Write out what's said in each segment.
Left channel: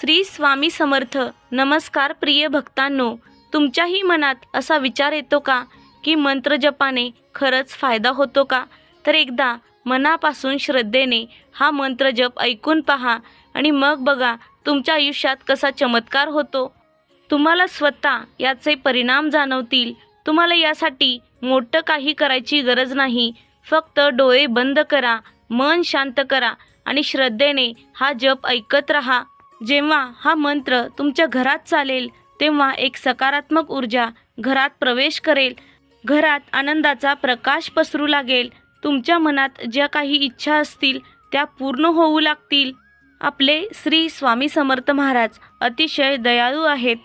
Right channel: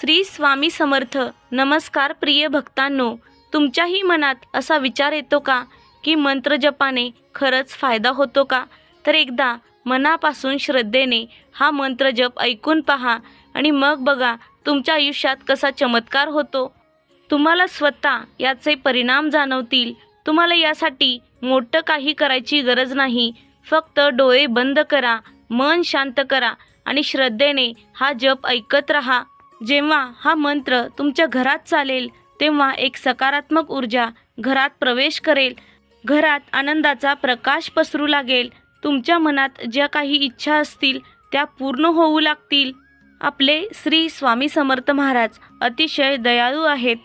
श्री स्वामी समर्थ. नमस्कार प्रिय भक्तांनो, तुमच्याही मनात असा विचार येतो का की मंत्र जपाने खरंच फायदा होतो का? तर एकदा मनापासून श्रद्धेने हा मंत्र जप ऐकून पहा आणि मग बघा तुमच्या आयुष्यात कसा चमत्कार होतो. तुम्हाला स्वतः याचे परिणाम जाणवतील. तुम्हाला यासाठी मोठं काही करायची गरज नाही. फक्त डोळे बंद करा, मन शांत करा आणि श्रद्धेने हा जप ऐकत राहा. जेव्हा हा मंत्र तुमच्या घरात चालेल तेव्हा एक सकारात्मक ऊर्जा घरात प्रवेश करेल. घरात आनंदाचा प्रकाश पसरू लागेल. तुमच्या मनात ज्या काही इच्छा असतील त्या पूर्ण होऊ लागतील. आपले श्री स्वामी समर्थ महाराज अतिशय दयाळू आहेत.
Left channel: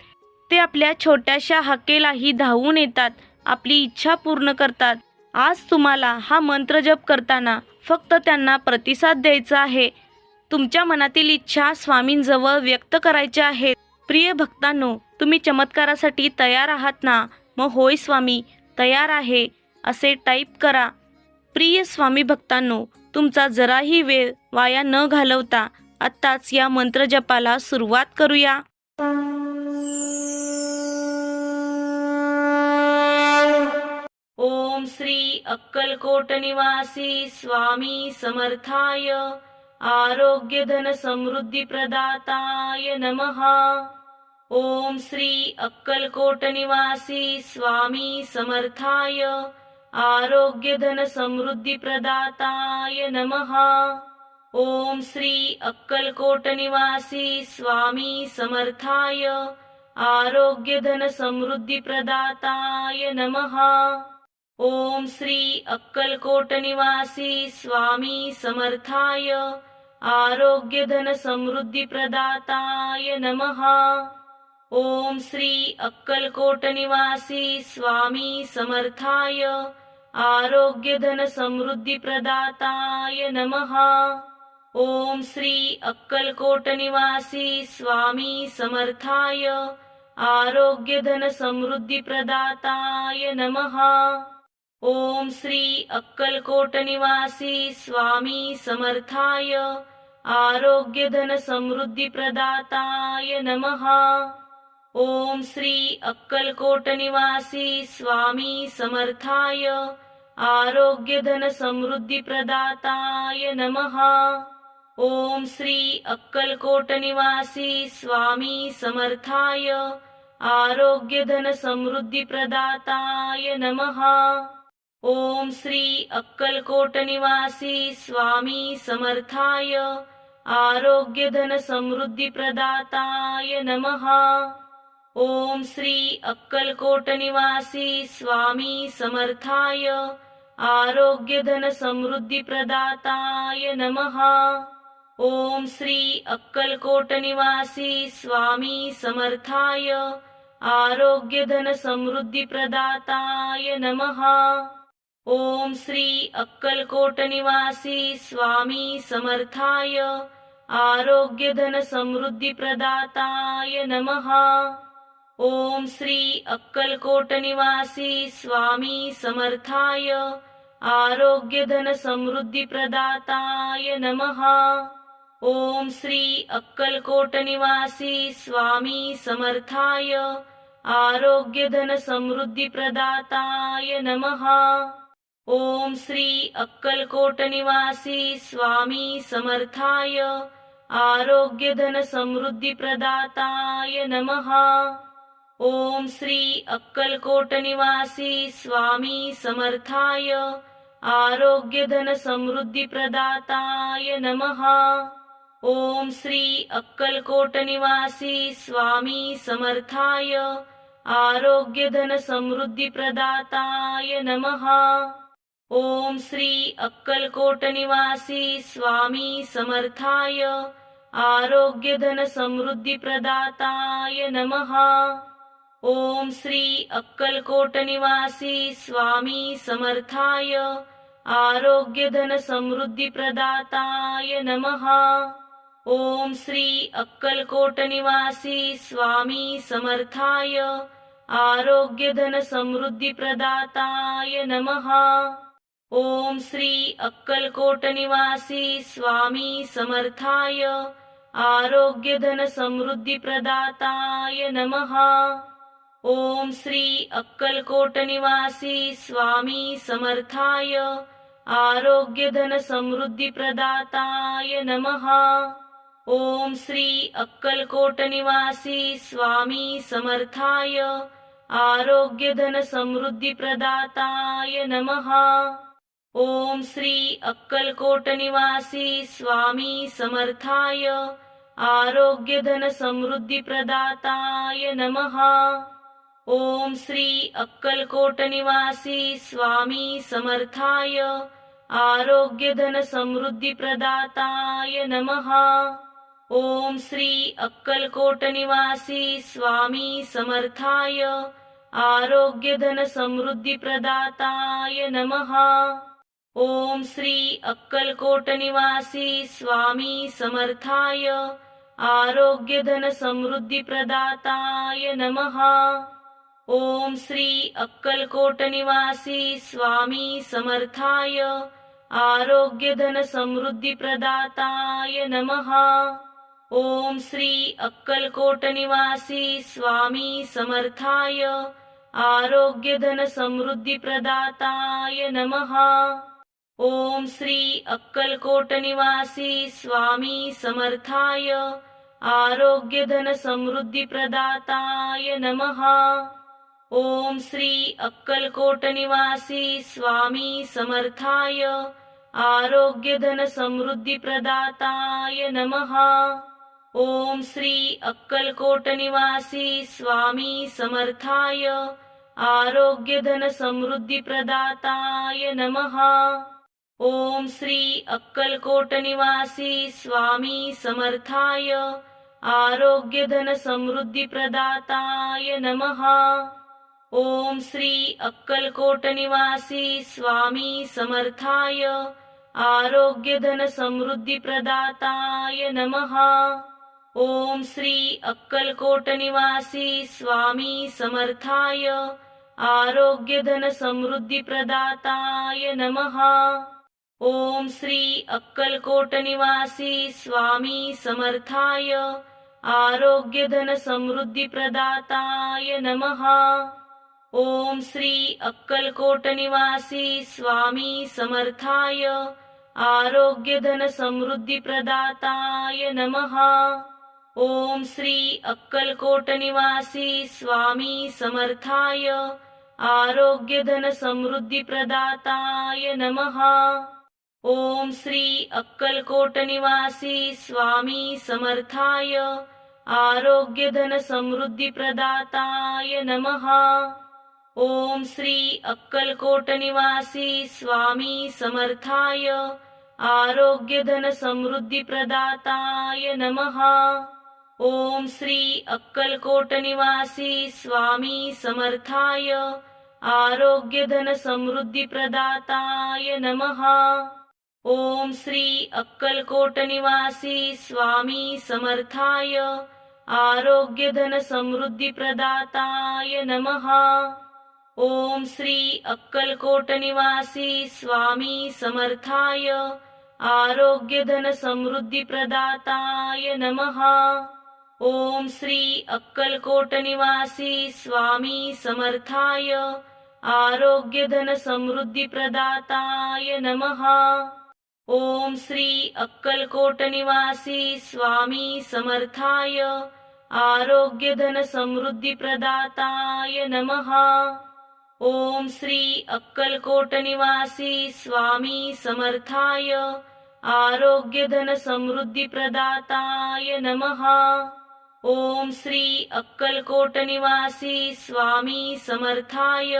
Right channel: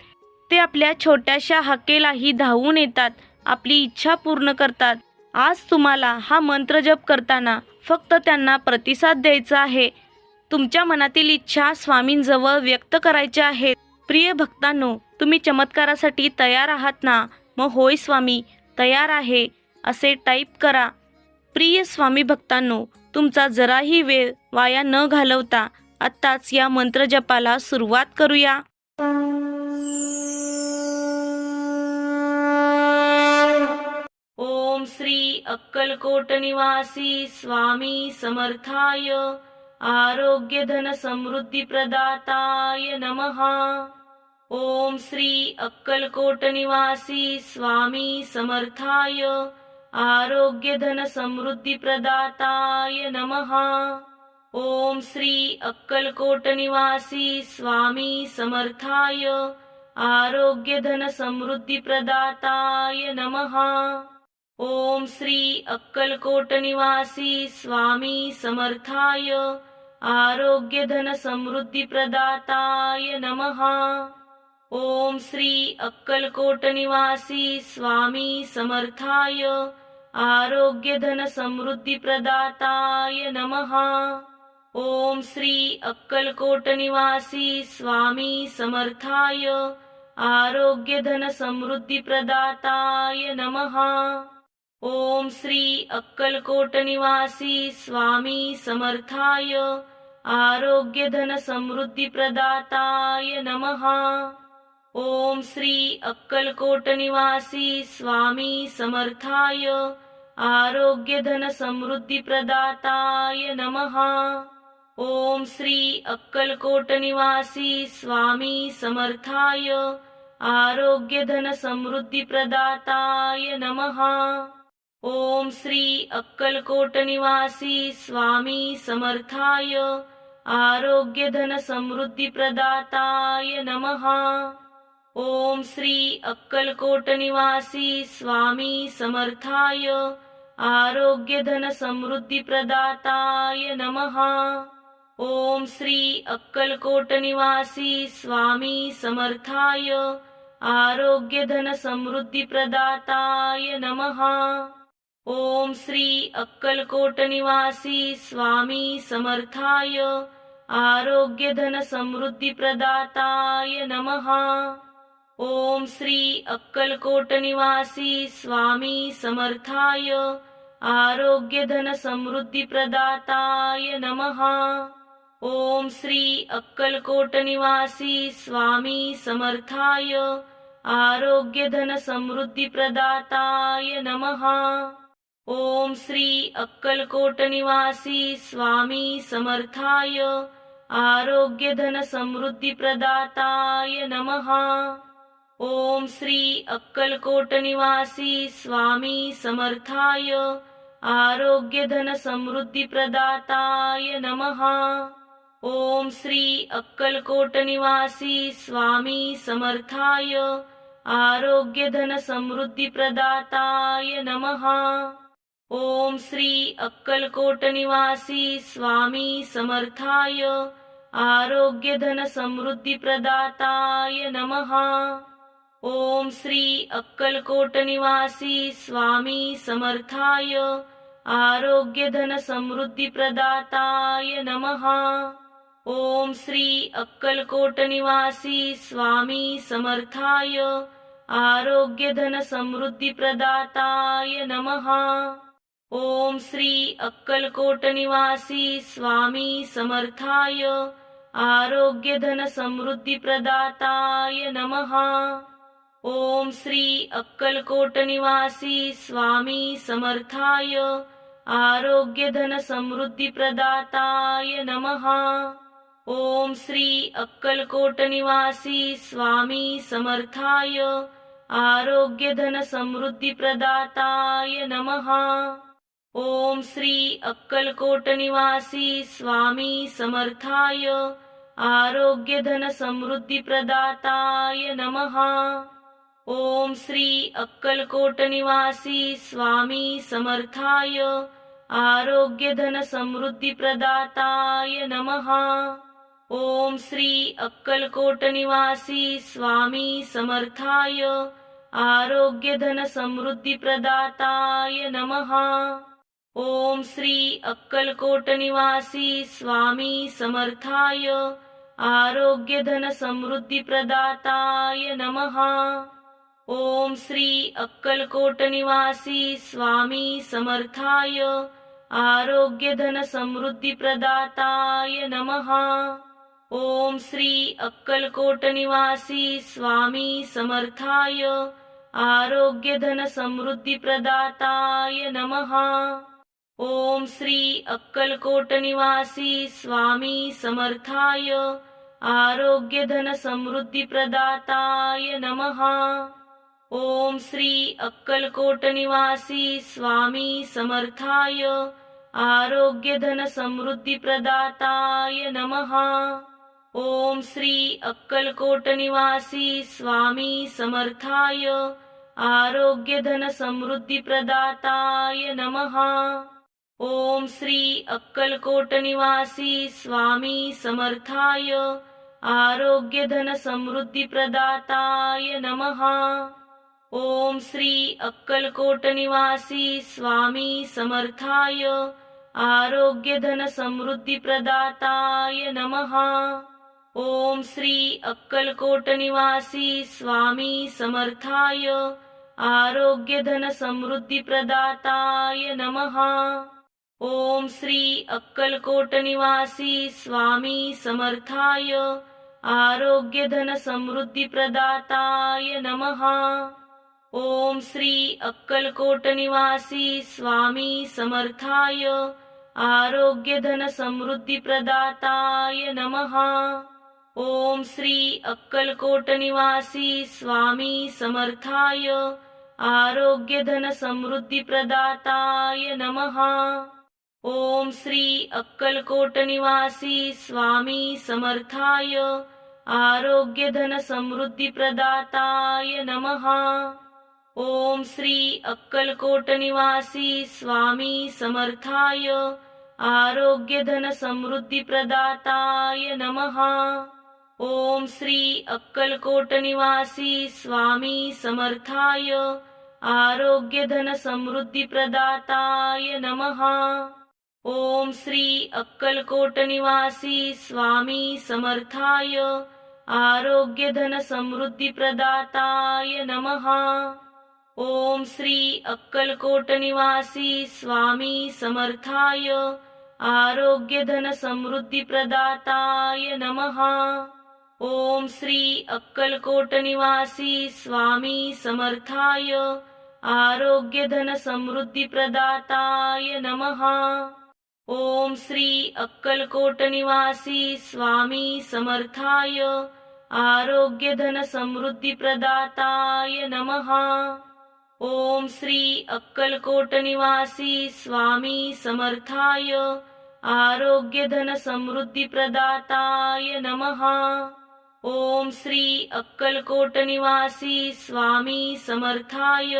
ते आपल्या छोट्याशा हाकेलाही धावून येतात, आपली इच्छा पूर्ण करतात. आज तुम्हाला हा मंत्र जप करताना फक्त त्यांना प्रतिसाद द्यायचा आहे. तुमच्या मनातील इच्छा स्वामींजवळ व्यक्त करायच्या आहेत. प्रिय भक्तांनो, तुम्ही चमत्कारासाठी तयार आहात ना? मग होय स्वामी, तयार आहे असे टाईप करा. प्रिय स्वामी भक्तांनो, तुमचा जराही वेळ वाया न घालवता आत्ताच या मंत्र जपाला सुरुवात करूया. ओम श्री अक्कलकोट निवासी स्वामी समर्थाय आरोग्य धन समृद्धी प्रदाताय नमः. ओम श्री अक्कलकोट निवासी स्वामी समर्थाय आरोग्य धन समृद्धी प्रदाताय नमः. ओम श्री अक्कलकोट निवासी स्वामी समर्थाय आरोग्य धन समृद्धी प्रदाताय नमः. ओम श्री अक्कलकोट निवासी स्वामी समर्थाय आरोग्य धन समृद्धी प्रदाताय नमः. ओम श्री अक्कलकोट निवासी स्वामी समर्थाय आरोग्य धन समृद्धी प्रदाताय नमः. ओम श्री अक्कलकोट निवासी स्वामी समर्थाय आरोग्य धन समृद्धी प्रदाताय नमः. ओम श्री अक्कलकोट निवासी स्वामी समर्थाय आरोग्य धन समृद्धी प्रदाताय नमः. ओम श्री अक्कलकोट निवासी स्वामी समर्थाय आरोग्य धन समृद्धी प्रदाताय नमः. ओम श्री अक्कलकोट निवासी स्वामी समर्थाय आरोग्य धन समृद्धी प्रदाताय नमः. ओम श्री अक्कलकोट निवासी स्वामी समर्थाय आरोग्य धन समृद्धी प्रदाताय नमः. ओम श्री अक्कलकोट निवासी स्वामी समर्थाय आरोग्य धन समृद्धी प्रदाताय नमः. ओम श्री अक्कलकोट निवासी स्वामी समर्थाय आरोग्य धन समृद्धी प्रदाताय नमः. ओम श्री अक्कलकोट निवासी स्वामी समर्थाय आरोग्य धन समृद्धी प्रदाताय नमः. ओम श्री अक्कलकोट निवासी स्वामी समर्थाय आरोग्य धन समृद्धी प्रदाताय नमः. ओम श्री अक्कलकोट निवासी स्वामी समर्थाय आरोग्य धन समृद्धी प्रदाताय नमः. ओम श्री अक्कलकोट निवासी स्वामी समर्थाय आरोग्य धन समृद्धी प्रदाताय नमः. ओम श्री अक्कलकोट निवासी स्वामी समर्थाय आरोग्य धन समृद्धी प्रदाताय नमः. ओम श्री अक्कलकोट निवासी स्वामी समर्थाय आरोग्य धन समृद्धी प्रदाताय नमः. ओम श्री अक्कलकोट निवासी स्वामी समर्थाय आरोग्य धन समृद्धी प्रदाताय नमः. ओम श्री अक्कलकोट निवासी स्वामी समर्थाय आरोग्य धन समृद्धी प्रदाताय नमः. ओम श्री अक्कलकोट निवासी स्वामी समर्थाय आरोग्य धन समृद्धी प्रदाताय नमः. ओम श्री अक्कलकोट निवासी स्वामी समर्थाय आरोग्यधनसमृद्धिप्रदाताय नमः। ओम श्री अक्कलकोट निवासी स्वामी समर्थाय आरोग्यधनसमृद्धिप्रदाताय नमः। ओम श्री अक्कलकोट निवासी स्वामी समर्थाय आरोग्यधनसमृद्धिप्रदाताय नमः। ओम श्री अक्कलकोट निवासी स्वामी समर्थाय आरोग्यधनसमृद्धिप्रदाताय नमः। ओम श्री अक्कलकोट निवासी स्वामी समर्थाय आरोग्यधनसमृद्धिप्रदाताय नमः। ओम श्री अक्कलकोट निवासी स्वामी समर्थाय आरोग्यधनसमृद्धिप्रदाताय नमः। ओम श्री अक्कलकोट निवासी स्वामी समर्थाय आरोग्यधनसमृद्धिप्रदाताय नमः। ओम श्री अक्कलकोट निवासी स्वामी समर्थाय आरोग्यधनसमृद्धिप्रदाताय नमः। ओम श्री अक्कलकोट निवासी स्वामी समर्थाय आरोग्यधनसमृद्धिप्रदाताय नमः। ओम श्री अक्कलकोट निवासी स्वामी समर्थाय आरोग्यधनसमृद्धिप्रदाताय नमः। ओम श्री अक्कलकोट निवासी स्वामी समर्थाय आरोग्यधनसमृद्धिप्रदाताय नमः। ओम श्री अक्कलकोट निवासी स्वामी समर्थाय आरोग्यधनसमृद्धिप्रदाताय नमः। ओम श्री अक्कलकोट निवासी स्वामी समर्थाय आरोग्यधनसमृद्धिप्रदाताय नमः। ओम श्री अक्कलकोट निवासी स्वामी समर्थाय आरोग्यधनसमृद्धिप्रदाताय नमः। ओम श्री अक्कलकोट निवासी स्वामी समर्थाय आरोग्यधनसमृद्धिप्रदाताय नमः। ओम श्री अक्कलकोट निवासी स्वामी समर्थाय आरोग्यधनसमृद्धिप्रदाताय नमः। ओम श्री अक्कलकोट निवासी स्वामी समर्थाय आरोग्यधनसमृद्धिप्रदाताय नमः। ओम श्री अक्कलकोट निवासी स्वामी समर्थाय आरोग्यधनसमृद्धिप्रदाताय नमः। ओम श्री अक्कलकोट निवासी स्वामी समर्थाय आरोग्यधनसमृद्धिप्रदाताय नमः। ओम श्री अक्कलकोट निवासी स्वामी समर्थाय आरोग्यधनसमृद्धिप्रदाताय नमः। ओम श्री अक्कलकोट निवासी स्वामी समर्थाय आरोग्यधनसमृद्धिप्रदाताय नमः। ओम श्री अक्कलकोट निवासी स्वामी समर्थाय आरोग्यधनसमृद्धिप्रदाताय नमः। ओम श्री अक्कलकोट निवासी स्वामी समर्थाय आरोग्यधनसमृद्धिप्रदाताय नमः। ओम श्री अक्कलकोट निवासी स्वामी समर्थाय आरोग्यधनसमृद्धिप्रदाताय नमः। ओम श्री अक्कलकोट निवासी स्वामी समर्थाय आरोग्यधनसमृद्धिप्रदाताय नमः। ओम श्री अक्कलकोट निवासी स्वामी समर्थाय आरोग्यधनसमृद्धिप्रदाताय नमः। ओम श्री अक्कलकोट निवासी स्वामी समर्थाय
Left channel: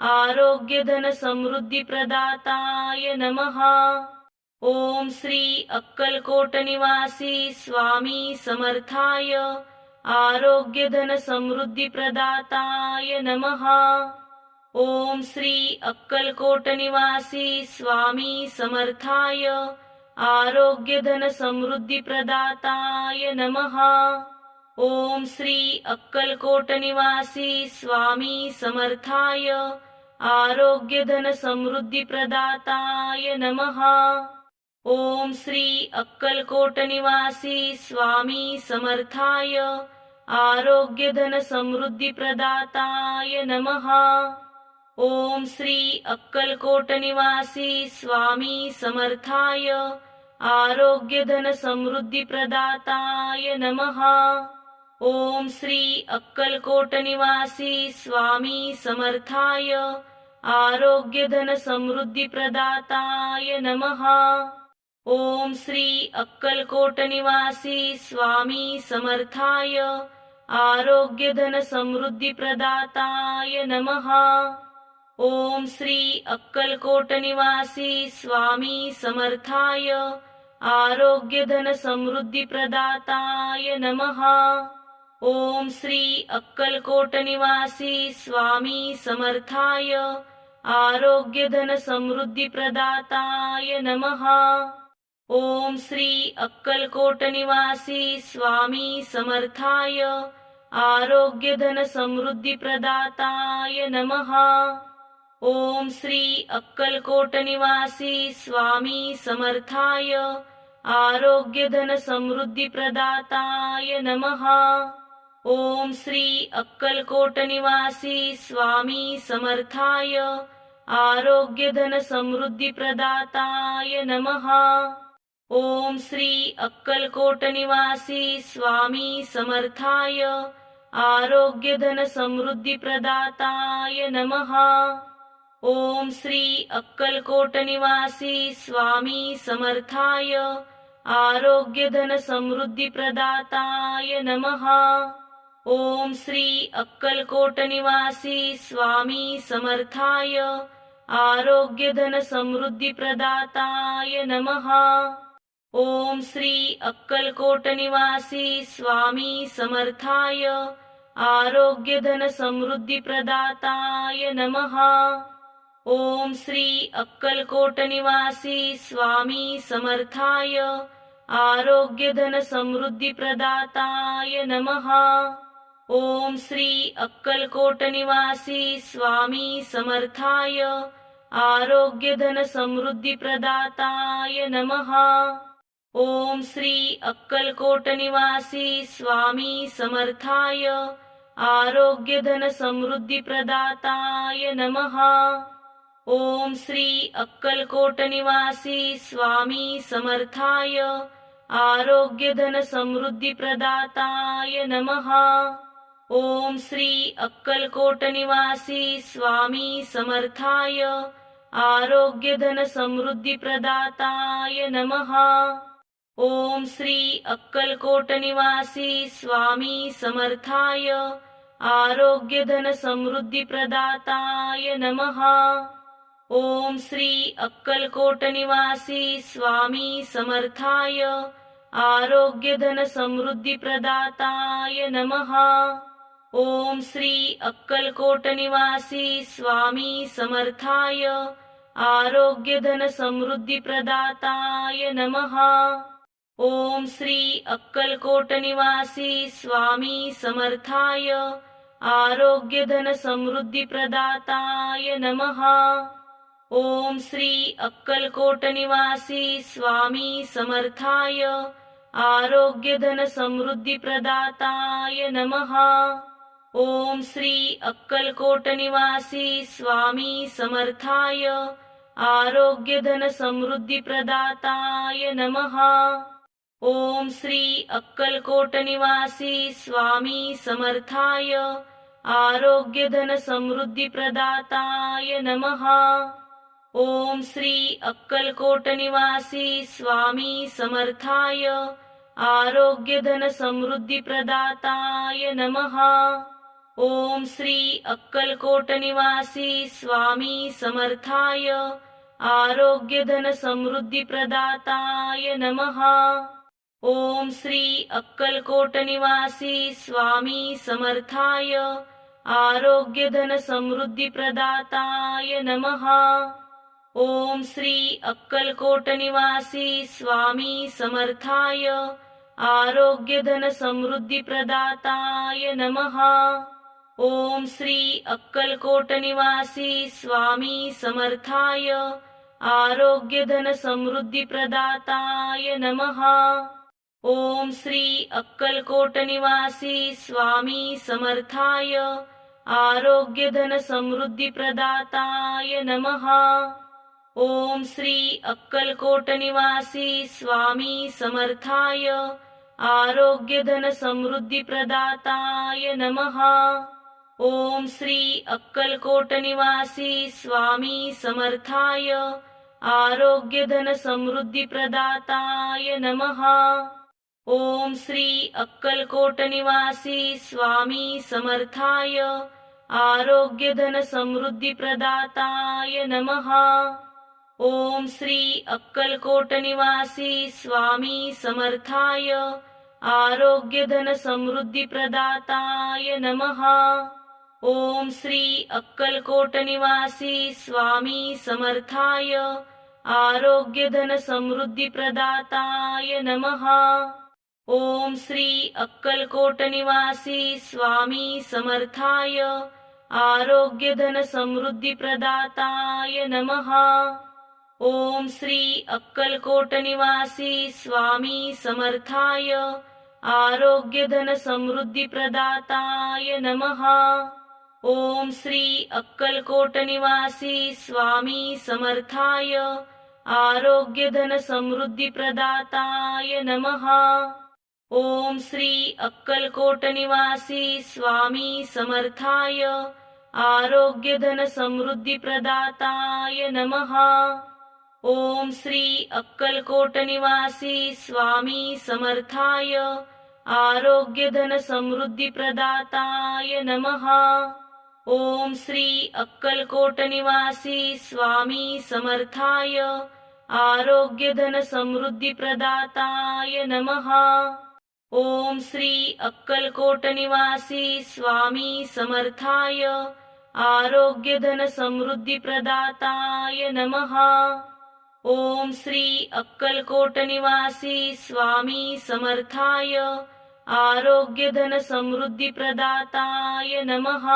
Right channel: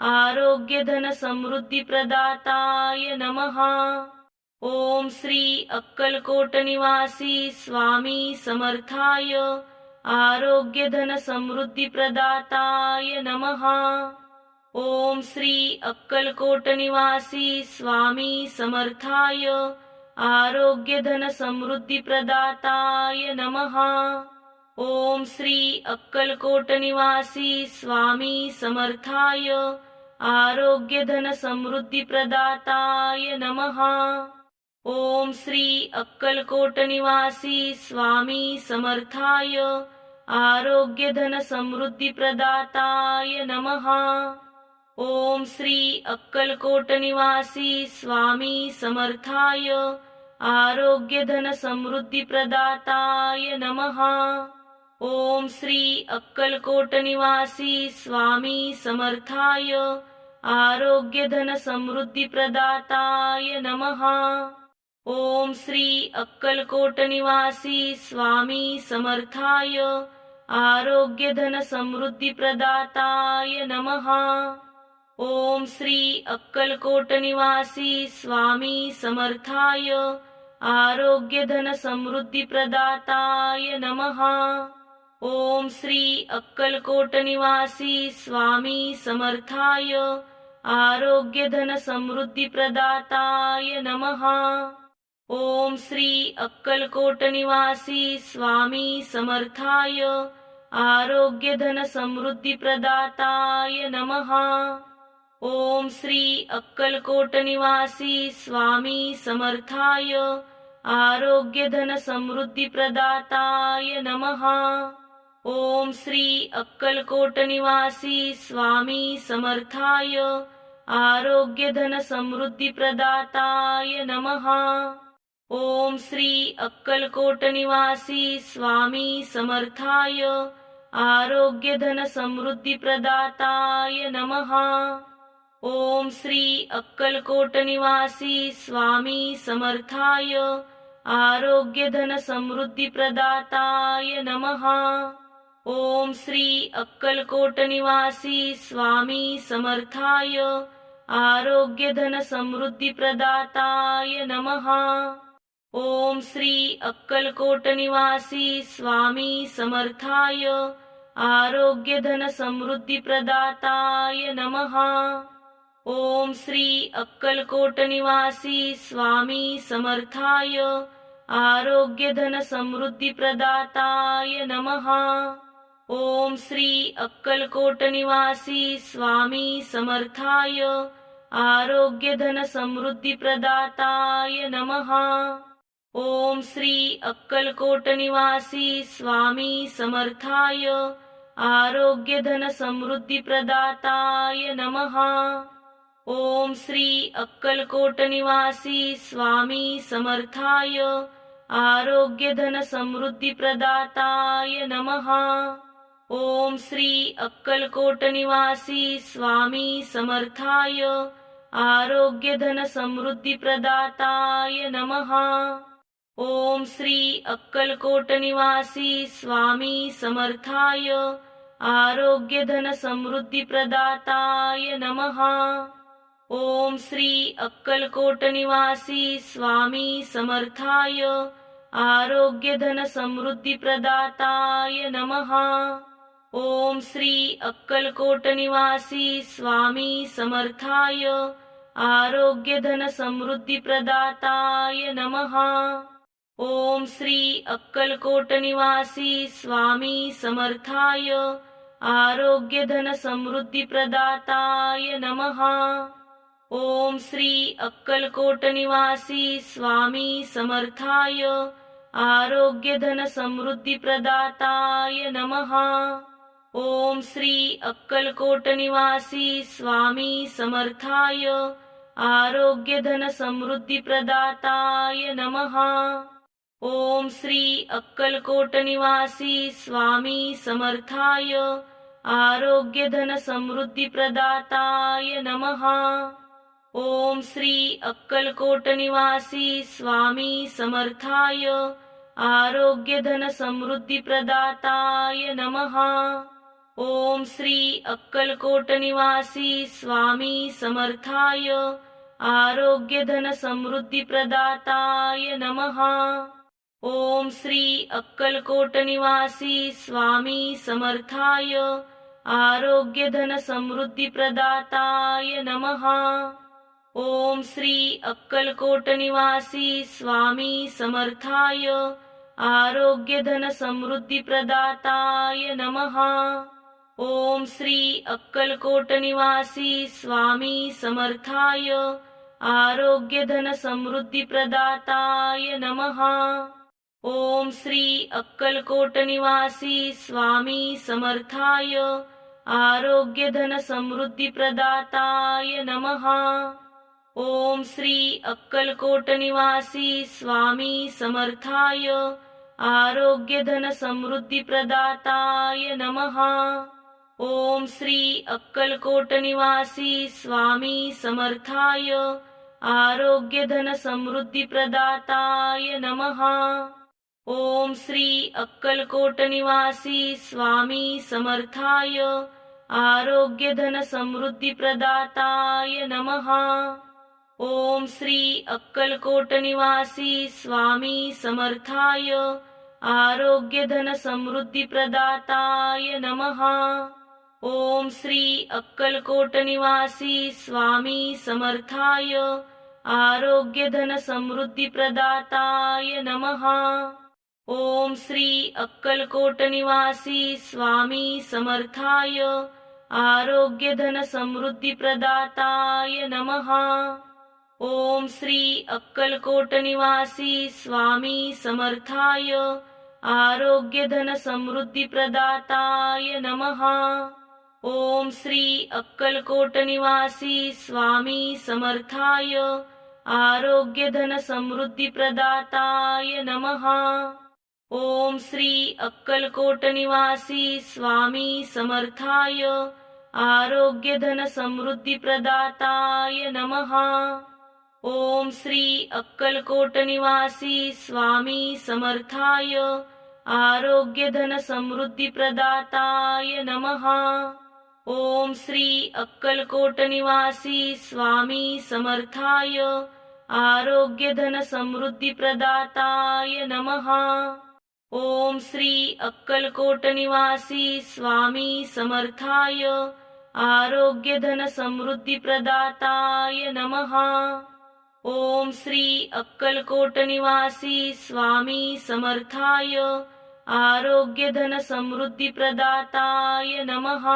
आरोग्यधनसमृद्धिप्रदाताय नमः। ओम श्री अक्कलकोट निवासी स्वामी समर्थाय आरोग्यधनसमृद्धिप्रदाताय नमः। ओम श्री अक्कलकोट निवासी स्वामी समर्थाय आरोग्यधनसमृद्धिप्रदाताय नमः। ओम श्री अक्कलकोट निवासी स्वामी समर्थाय आरोग्यधनसमृद्धिप्रदाताय नमः। ओम श्री अक्कलकोट निवासी स्वामी समर्थाय आरोग्य धन समृद्धी प्रदाताय नमः। ओम श्री अक्कलकोट निवासी स्वामी समर्थाय आरोग्य धन समृद्धी प्रदाताय नमः। ओम श्री अक्कलकोट निवासी स्वामी समर्थाय आरोग्य धन समृद्धी प्रदाताय नमः। ओम श्री अक्कलकोट निवासी स्वामी समर्थाय आरोग्य धन समृद्धी प्रदाताय नमः। ओम श्री अक्कलकोट निवासी स्वामी समर्थाय आरोग्य धन समृद्धी प्रदाताय नमः। ओम श्री अक्कलकोट निवासी स्वामी समर्थाय आरोग्य धन समृद्धी प्रदाताय नमः। ओम श्री अक्कलकोट निवासी स्वामी समर्थाय आरोग्य धन समृद्धी प्रदाताय नमः। ओम श्री अक्कलकोट निवासी स्वामी समर्थाय आरोग्य धन समृद्धी प्रदाताय नमः। ओम श्री अक्कलकोट निवासी स्वामी समर्थाय आरोग्य धन समृद्धी प्रदाताय नमः। ओम श्री अक्कलकोट निवासी स्वामी समर्थाय आरोग्य धन समृद्धी प्रदाताय नमः। ओम श्री अक्कलकोट निवासी स्वामी समर्थाय आरोग्य धन समृद्धी प्रदाताय नमः। ओम श्री अक्कलकोट निवासी स्वामी समर्थाय आरोग्य धन समृद्धी प्रदाताय नमः। ओम श्री अक्कलकोट निवासी स्वामी समर्थाय आरोग्य धन समृद्धी प्रदाताय नमः। ओम श्री अक्कलकोट निवासी स्वामी समर्थाय आरोग्य धन समृद्धी प्रदाताय नमः। ओम श्री अक्कलकोट निवासी स्वामी समर्थाय आरोग्य धन समृद्धी प्रदाताय नमः। ओम श्री अक्कलकोट निवासी स्वामी समर्थाय आरोग्य धन समृद्धी प्रदाताय नमः। ओम श्री अक्कलकोट निवासी स्वामी समर्थाय आरोग्य धन समृद्धी प्रदाताय नमः। ओम श्री अक्कलकोट निवासी स्वामी समर्थाय आरोग्य धन समृद्धी प्रदाताय नमः। ओम श्री अक्कलकोट निवासी स्वामी समर्थाय आरोग्य धन समृद्धी प्रदाताय नमः। ओम श्री अक्कलकोट निवासी स्वामी समर्थाय आरोग्य धन समृद्धी प्रदाताय नमः। ओम श्री अक्कलकोट निवासी स्वामी समर्थाय आरोग्य धन समृद्धी प्रदाताय नमः। ओम श्री अक्कलकोट निवासी स्वामी समर्थाय आरोग्य धन समृद्धी प्रदाताय नमः। ओम श्री अक्कलकोट निवासी स्वामी समर्थाय आरोग्य धन समृद्धी प्रदाताय नमः। ओम श्री अक्कलकोट निवासी स्वामी समर्थाय आरोग्य धन समृद्धी प्रदाताय नमः। ओम श्री अक्कलकोट निवासी स्वामी समर्थाय आरोग्य धन समृद्धी प्रदाताय नमः। ओम श्री अक्कलकोट निवासी स्वामी समर्थाय आरोग्य धन समृद्धी प्रदाताय नमः। ओम श्री अक्कलकोट निवासी स्वामी समर्थाय आरोग्य धन समृद्धी प्रदाताय नमः। ओम श्री अक्कलकोट निवासी स्वामी समर्थाय आरोग्य धन समृद्धी प्रदाताय नमः। ओम श्री अक्कलकोट निवासी स्वामी समर्थाय आरोग्य धन समृद्धी प्रदाताय नमः। ओम श्री अक्कलकोट निवासी स्वामी समर्थाय आरोग्यधनसमृद्धिप्रदाताय नमः। ओम श्री अक्कलकोट निवासी स्वामी समर्थाय आरोग्यधनसमृद्धिप्रदाताय नमः। ओम श्री अक्कलकोट निवासी स्वामी समर्थाय आरोग्यधनसमृद्धिप्रदाताय नमः। ओम श्री अक्कलकोट निवासी स्वामी समर्थाय आरोग्यधनसमृद्धिप्रदाताय नमः। ओम श्री अक्कलकोट निवासी स्वामी समर्थाय आरोग्यधनसमृद्धिप्रदाताय नमः। ओम श्री अक्कलकोट निवासी स्वामी समर्थाय आरोग्यधनसमृद्धिप्रदाताय नमः। ओम श्री अक्कलकोट निवासी स्वामी समर्थाय आरोग्यधनसमृद्धिप्रदाताय नमः। ओम श्री अक्कलकोट निवासी स्वामी समर्थाय आरोग्यधनसमृद्धिप्रदाताय नमः। ओम श्री अक्कलकोट निवासी स्वामी समर्थाय आरोग्यधनसमृद्धिप्रदाताय नमः। ओम श्री अक्कलकोट निवासी स्वामी समर्थाय आरोग्यधनसमृद्धिप्रदाताय नमः। ओम श्री अक्कलकोट निवासी स्वामी समर्थाय आरोग्यधनसमृद्धिप्रदाताय नमः। ओम श्री अक्कलकोट निवासी स्वामी समर्थाय आरोग्यधनसमृद्धिप्रदाताय नमः। ओम श्री अक्कलकोट निवासी स्वामी समर्थाय आरोग्यधनसमृद्धिप्रदाताय नमः। ओम श्री अक्कलकोट निवासी स्वामी समर्थाय आरोग्यधनसमृद्धिप्रदाताय नमः। ओम श्री अक्कलकोट निवासी स्वामी समर्थाय आरोग्यधनसमृद्धिप्रदाताय नमः।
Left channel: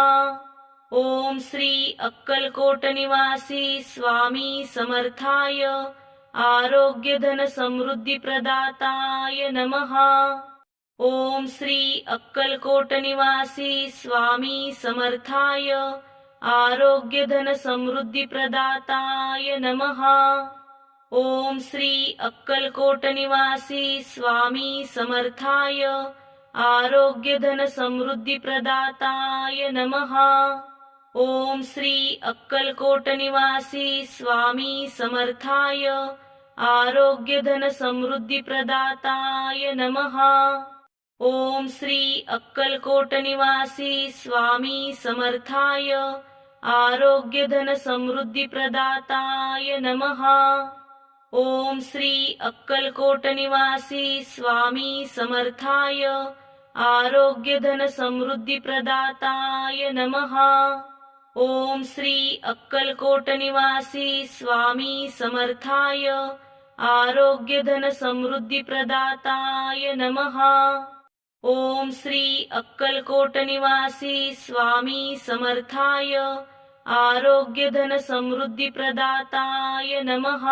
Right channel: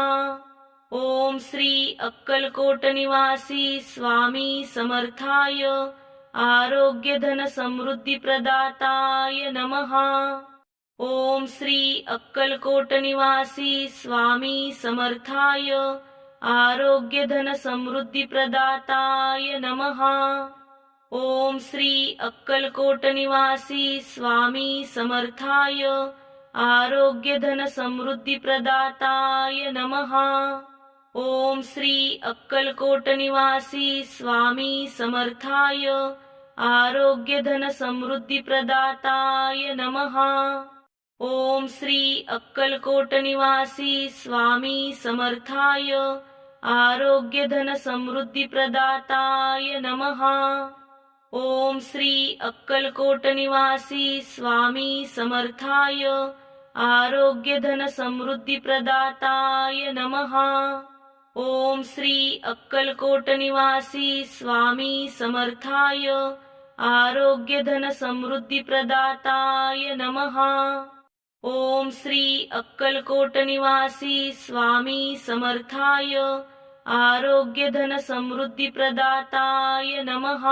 ओम श्री अक्कलकोट निवासी स्वामी समर्थाय आरोग्यधनसमृद्धिप्रदाताय नमः। ओम श्री अक्कलकोट निवासी स्वामी समर्थाय आरोग्यधनसमृद्धिप्रदाताय नमः। ओम श्री अक्कलकोट निवासी स्वामी समर्थाय आरोग्यधनसमृद्धिप्रदाताय नमः। ओम श्री अक्कलकोट निवासी स्वामी समर्थाय आरोग्यधनसमृद्धिप्रदाताय नमः। ओम श्री अक्कलकोट निवासी स्वामी समर्थाय आरोग्यधनसमृद्धिप्रदाताय नमः। ओम श्री अक्कलकोट निवासी स्वामी समर्थाय आरोग्यधनसमृद्धिप्रदाताय नमः। ओम श्री अक्कलकोट निवासी स्वामी समर्थाय आरोग्यधनसमृद्धिप्रदाताय नमः। ओम श्री अक्कलकोट निवासी स्वामी समर्थाय आरोग्यधनसमृद्धिप्रदाताय नमः।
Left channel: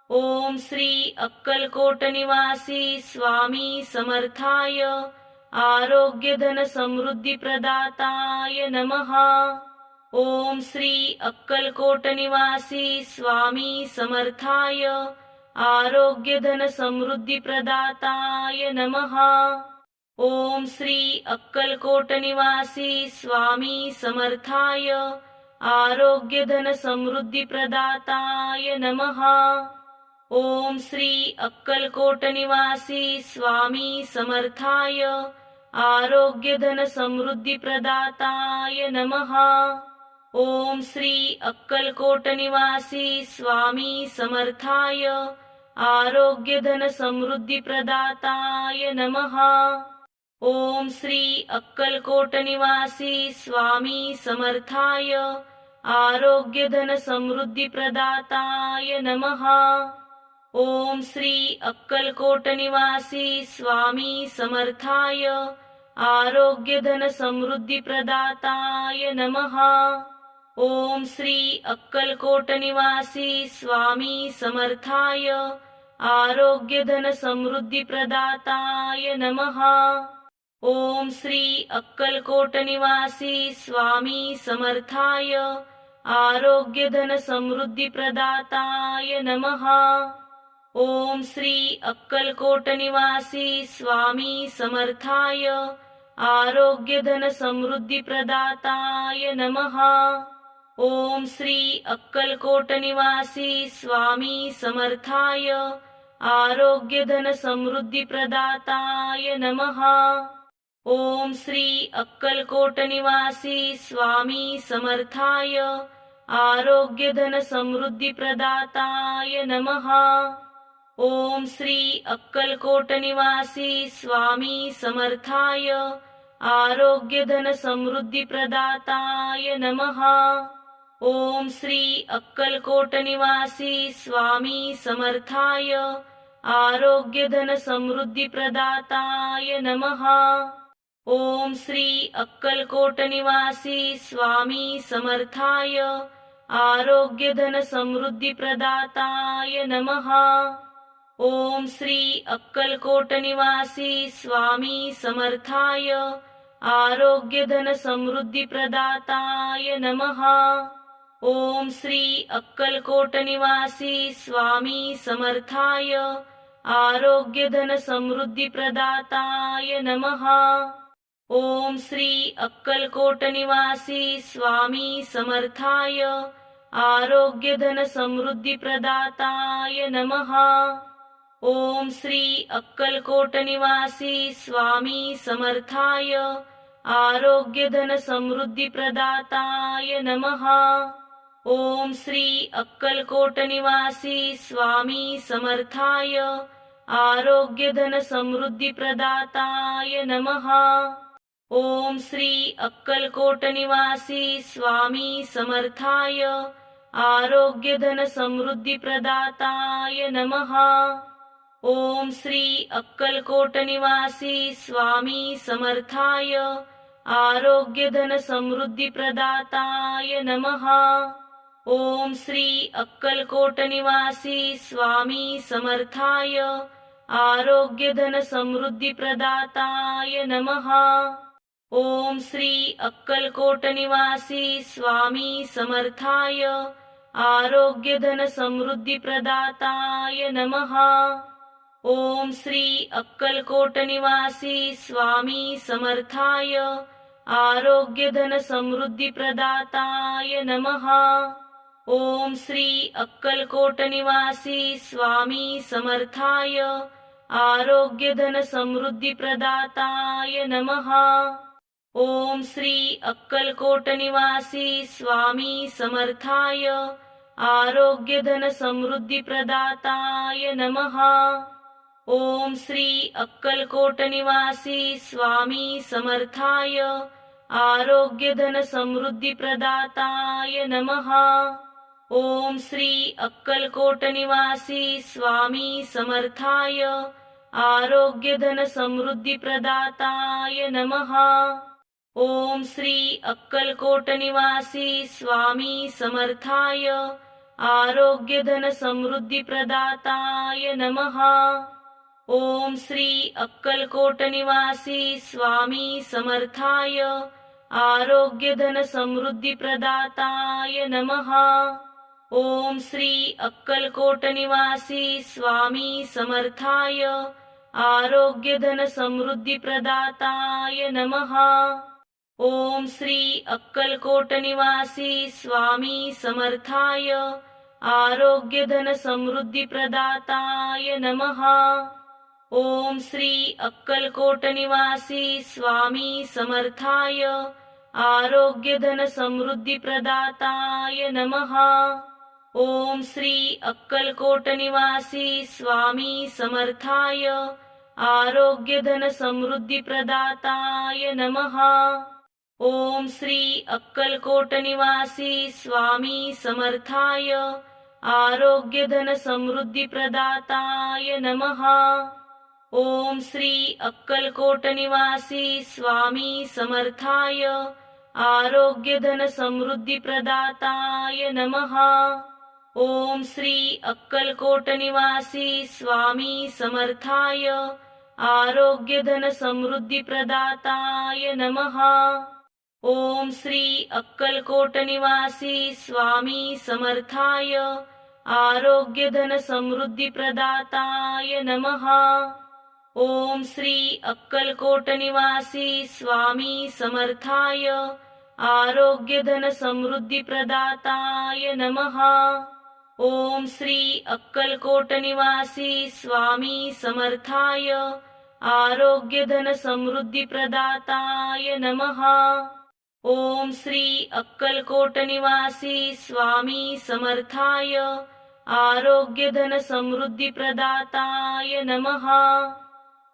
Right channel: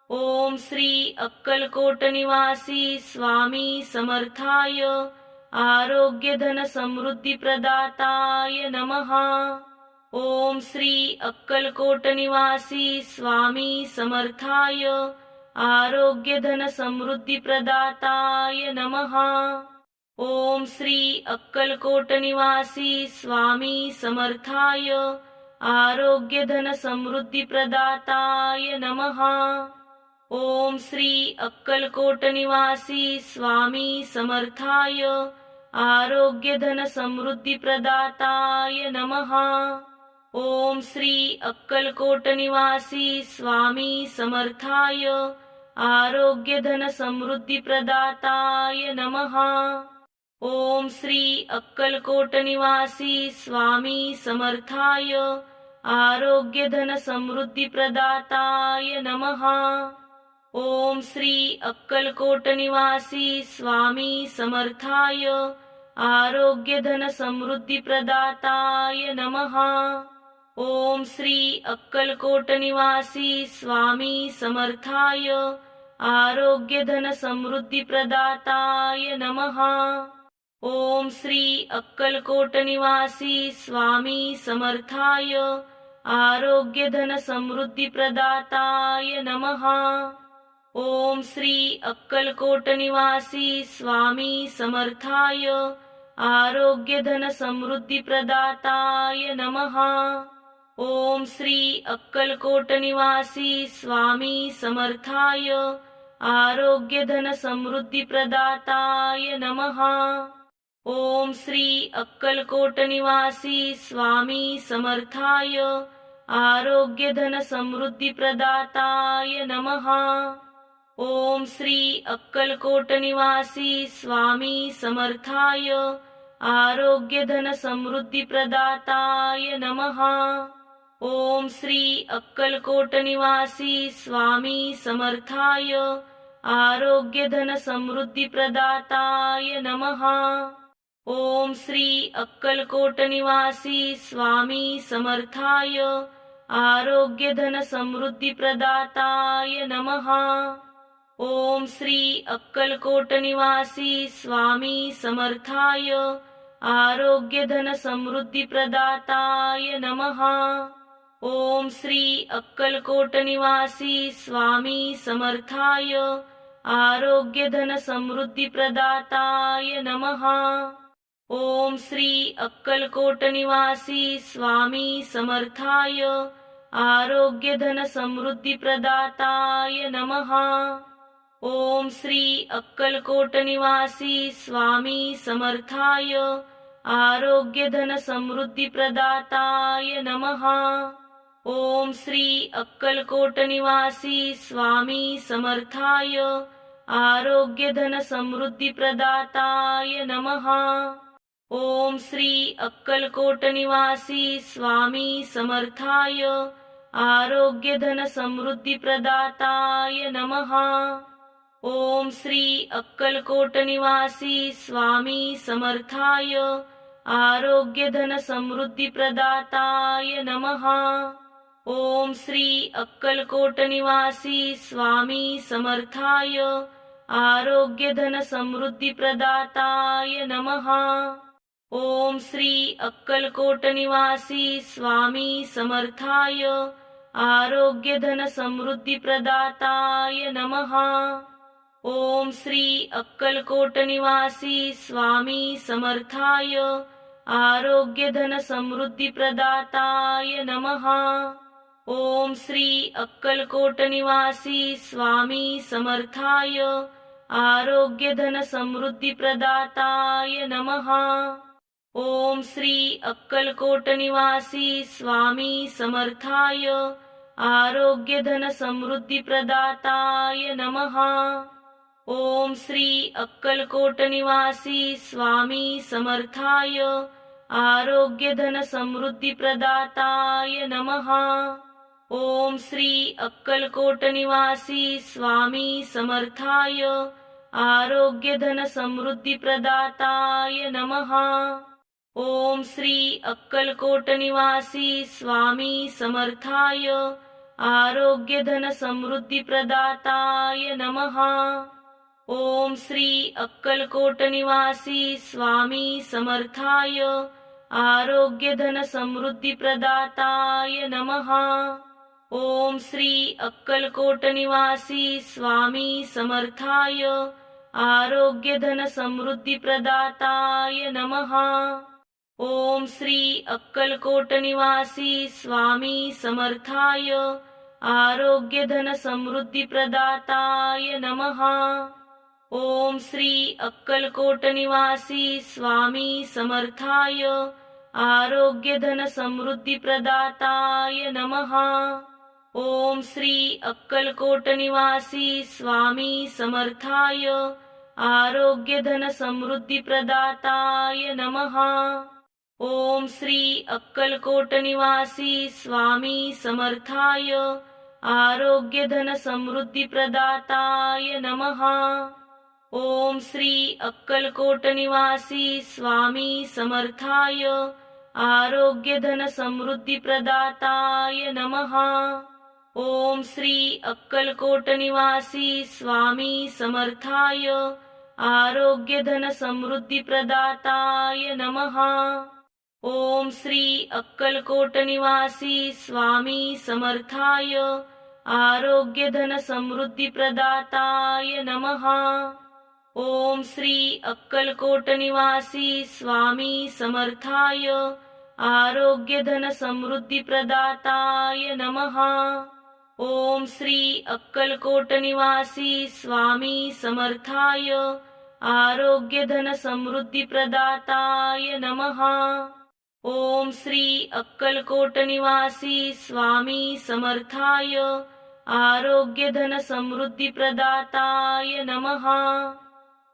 ओम श्री अक्कलकोट निवासी स्वामी समर्थाय आरोग्यधनसमृद्धिप्रदाताय नमः। ओम श्री अक्कलकोट निवासी स्वामी समर्थाय आरोग्यधनसमृद्धिप्रदाताय नमः। ओम श्री अक्कलकोट निवासी स्वामी समर्थाय आरोग्यधनसमृद्धिप्रदाताय नमः। ओम श्री अक्कलकोट निवासी स्वामी समर्थाय आरोग्यधनसमृद्धिप्रदाताय नमः। ओम श्री अक्कलकोट निवासी स्वामी समर्थाय आरोग्यधनसमृद्धिप्रदाताय नमः। ओम श्री अक्कलकोट निवासी स्वामी समर्थाय आरोग्यधनसमृद्धिप्रदाताय नमः। ओम श्री अक्कलकोट निवासी स्वामी समर्थाय आरोग्यधनसमृद्धिप्रदाताय नमः। ओम श्री अक्कलकोट निवासी स्वामी समर्थाय आरोग्य धन समृद्धी प्रदाताय नमः। ओम श्री अक्कलकोट निवासी स्वामी समर्थाय आरोग्य धन समृद्धी प्रदाताय नमः। ओम श्री अक्कलकोट निवासी स्वामी समर्थाय आरोग्य धन समृद्धी प्रदाताय नमः। ओम श्री अक्कलकोट निवासी स्वामी समर्थाय आरोग्य धन समृद्धी प्रदाताय नमः। ओम श्री अक्कलकोट निवासी स्वामी समर्थाय आरोग्य धन समृद्धी प्रदाताय नमः। ओम श्री अक्कलकोट निवासी स्वामी समर्थाय आरोग्य धन समृद्धी प्रदाताय नमः। ओम श्री अक्कलकोट निवासी स्वामी समर्थाय आरोग्य धन समृद्धी प्रदाताय नमः। ओम श्री अक्कलकोट निवासी स्वामी समर्थाय आरोग्य धन समृद्धी प्रदाताय नमः। ओम श्री अक्कलकोट निवासी स्वामी समर्थाय आरोग्य धन समृद्धी प्रदाताय नमः। ओम श्री अक्कलकोट निवासी स्वामी समर्थाय आरोग्य धन समृद्धी प्रदाताय नमः। ओम श्री अक्कलकोट निवासी स्वामी समर्थाय आरोग्य धन समृद्धी प्रदाताय नमः। ओम श्री अक्कलकोट निवासी स्वामी समर्थाय आरोग्य धन समृद्धी प्रदाताय नमः। ओम श्री अक्कलकोट निवासी स्वामी समर्थाय आरोग्य धन समृद्धी प्रदाताय नमः। ओम श्री अक्कलकोट निवासी स्वामी समर्थाय आरोग्य धन समृद्धी प्रदाताय नमः। ओम श्री अक्कलकोट निवासी स्वामी समर्थाय आरोग्य धन समृद्धी प्रदाताय नमः। ओम श्री अक्कलकोट निवासी स्वामी समर्थाय आरोग्य धन समृद्धी प्रदाताय नमः। ओम श्री अक्कलकोट निवासी स्वामी समर्थाय आरोग्य धन समृद्धी प्रदाताय नमः। ओम श्री अक्कलकोट निवासी स्वामी समर्थाय आरोग्य धन समृद्धी प्रदाताय नमः। ओम श्री अक्कलकोट निवासी स्वामी समर्थाय आरोग्य धन समृद्धी प्रदाताय नमः। ओम श्री अक्कलकोट निवासी स्वामी समर्थाय आरोग्य धन समृद्धी प्रदाताय नमः। ओम श्री अक्कलकोट निवासी स्वामी समर्थाय आरोग्य धन समृद्धी प्रदाताय नमः। ओम श्री अक्कलकोट निवासी स्वामी समर्थाय आरोग्य धन समृद्धी प्रदाताय नमः। ओम श्री अक्कलकोट निवासी स्वामी समर्थाय आरोग्य धन समृद्धी प्रदाताय नमः। ओम श्री अक्कलकोट निवासी स्वामी समर्थाय आरोग्य धन समृद्धी प्रदाताय नमः। ओम श्री अक्कलकोट निवासी स्वामी समर्थाय आरोग्य धन समृद्धी प्रदाताय नमः। ओम श्री अक्कलकोट निवासी स्वामी समर्थाय आरोग्य धन समृद्धी प्रदाताय नमः। ओम श्री अक्कलकोट निवासी स्वामी समर्थाय आरोग्य धन समृद्धी प्रदाताय नमः। ओम श्री अक्कलकोट निवासी स्वामी समर्थाय आरोग्य धन समृद्धी प्रदाताय नमः। ओम श्री अक्कलकोट निवासी स्वामी समर्थाय आरोग्य धन समृद्धी प्रदाताय नमः। ओम श्री अक्कलकोट निवासी स्वामी समर्थाय आरोग्यधनसमृद्धिप्रदाताय नमः। ओम श्री अक्कलकोट निवासी स्वामी समर्थाय आरोग्यधनसमृद्धिप्रदाताय नमः। ओम श्री अक्कलकोट निवासी स्वामी समर्थाय आरोग्यधनसमृद्धिप्रदाताय नमः। ओम श्री अक्कलकोट निवासी स्वामी समर्थाय आरोग्यधनसमृद्धिप्रदाताय नमः। ओम श्री अक्कलकोट निवासी स्वामी समर्थाय आरोग्यधनसमृद्धिप्रदाताय नमः। ओम श्री अक्कलकोट निवासी स्वामी समर्थाय आरोग्यधनसमृद्धिप्रदाताय नमः।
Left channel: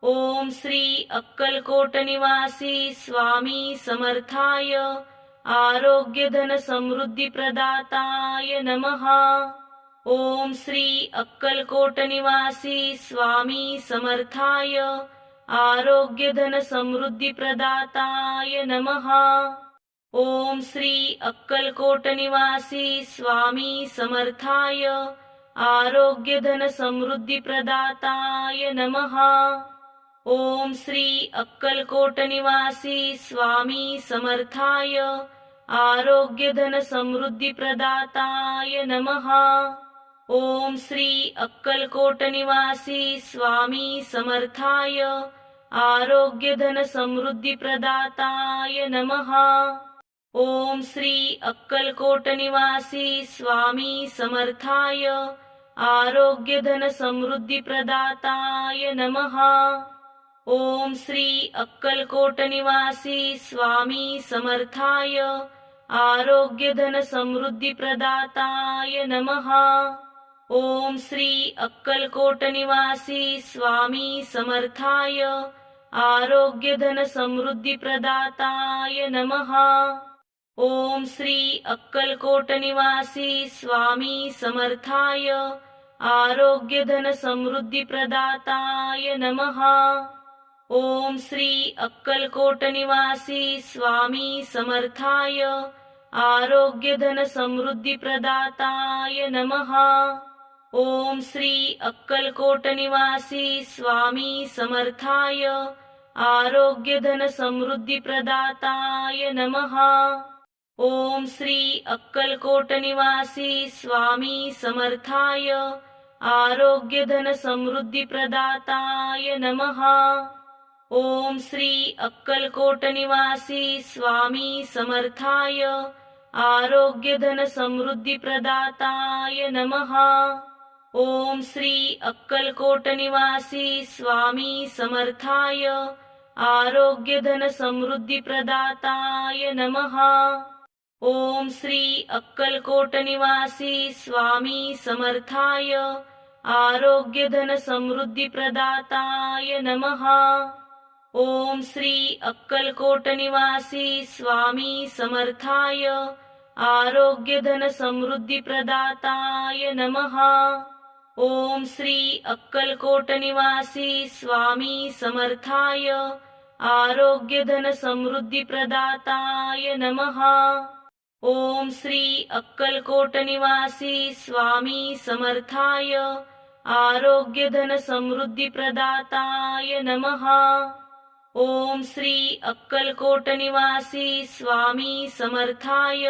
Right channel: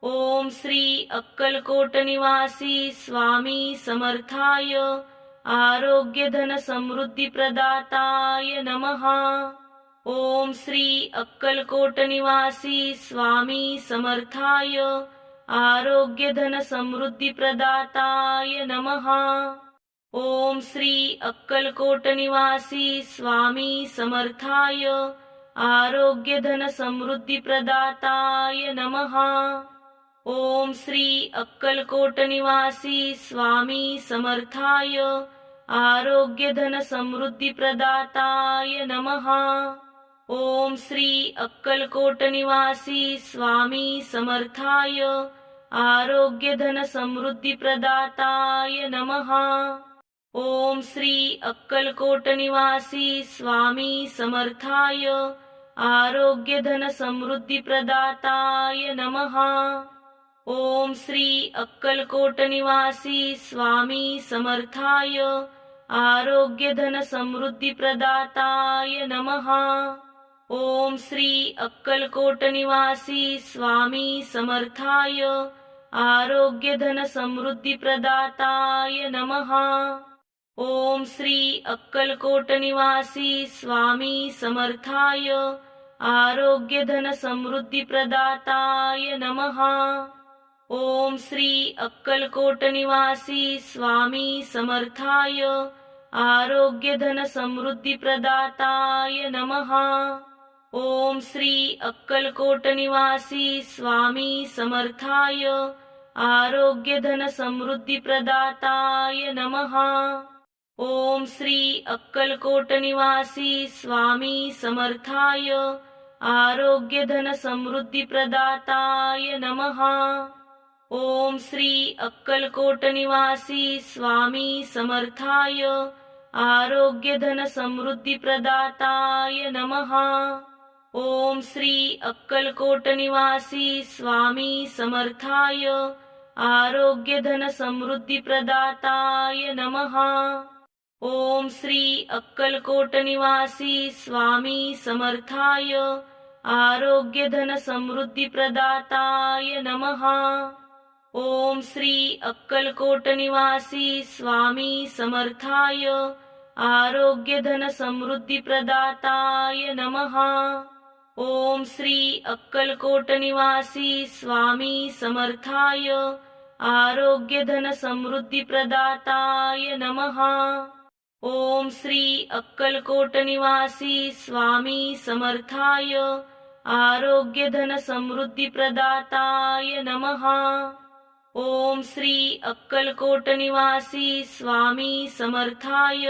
ओम श्री अक्कलकोट निवासी स्वामी समर्थाय आरोग्यधनसमृद्धिप्रदाताय नमः। ओम श्री अक्कलकोट निवासी स्वामी समर्थाय आरोग्यधनसमृद्धिप्रदाताय नमः। ओम श्री अक्कलकोट निवासी स्वामी समर्थाय आरोग्यधनसमृद्धिप्रदाताय नमः। ओम श्री अक्कलकोट निवासी स्वामी समर्थाय आरोग्यधनसमृद्धिप्रदाताय नमः। ओम श्री अक्कलकोट निवासी स्वामी समर्थाय आरोग्यधनसमृद्धिप्रदाताय नमः। ओम श्री अक्कलकोट निवासी स्वामी समर्थाय आरोग्यधनसमृद्धिप्रदाताय नमः। ओम श्री अक्कलकोट निवासी स्वामी समर्थाय आरोग्यधनसमृद्धिप्रदाताय नमः। ओम श्री अक्कलकोट निवासी स्वामी समर्थाय आरोग्यधनसमृद्धिप्रदाताय नमः। ओम श्री अक्कलकोट निवासी स्वामी समर्थाय आरोग्यधनसमृद्धिप्रदाताय नमः। ओम श्री अक्कलकोट निवासी स्वामी समर्थाय आरोग्यधनसमृद्धिप्रदाताय नमः। ओम श्री अक्कलकोट निवासी स्वामी समर्थाय आरोग्यधनसमृद्धिप्रदाताय नमः। ओम श्री अक्कलकोट निवासी स्वामी समर्थाय आरोग्यधनसमृद्धिप्रदाताय नमः। ओम श्री अक्कलकोट निवासी स्वामी समर्थाय आरोग्यधनसमृद्धिप्रदाताय नमः। ओम श्री अक्कलकोट निवासी स्वामी समर्थाय आरोग्यधनसमृद्धिप्रदाताय नमः। ओम श्री अक्कलकोट निवासी स्वामी समर्थाय आरोग्यधनसमृद्धिप्रदाताय नमः। ओम श्री अक्कलकोट निवासी स्वामी समर्थाय आरोग्यधनसमृद्धिप्रदाताय नमः। ओम श्री अक्कलकोट निवासी स्वामी समर्थाय आरोग्यधनसमृद्धिप्रदाताय नमः। ओम श्री अक्कलकोट निवासी स्वामी समर्थाय आरोग्यधनसमृद्धिप्रदाताय नमः। ओम श्री अक्कलकोट निवासी स्वामी समर्थाय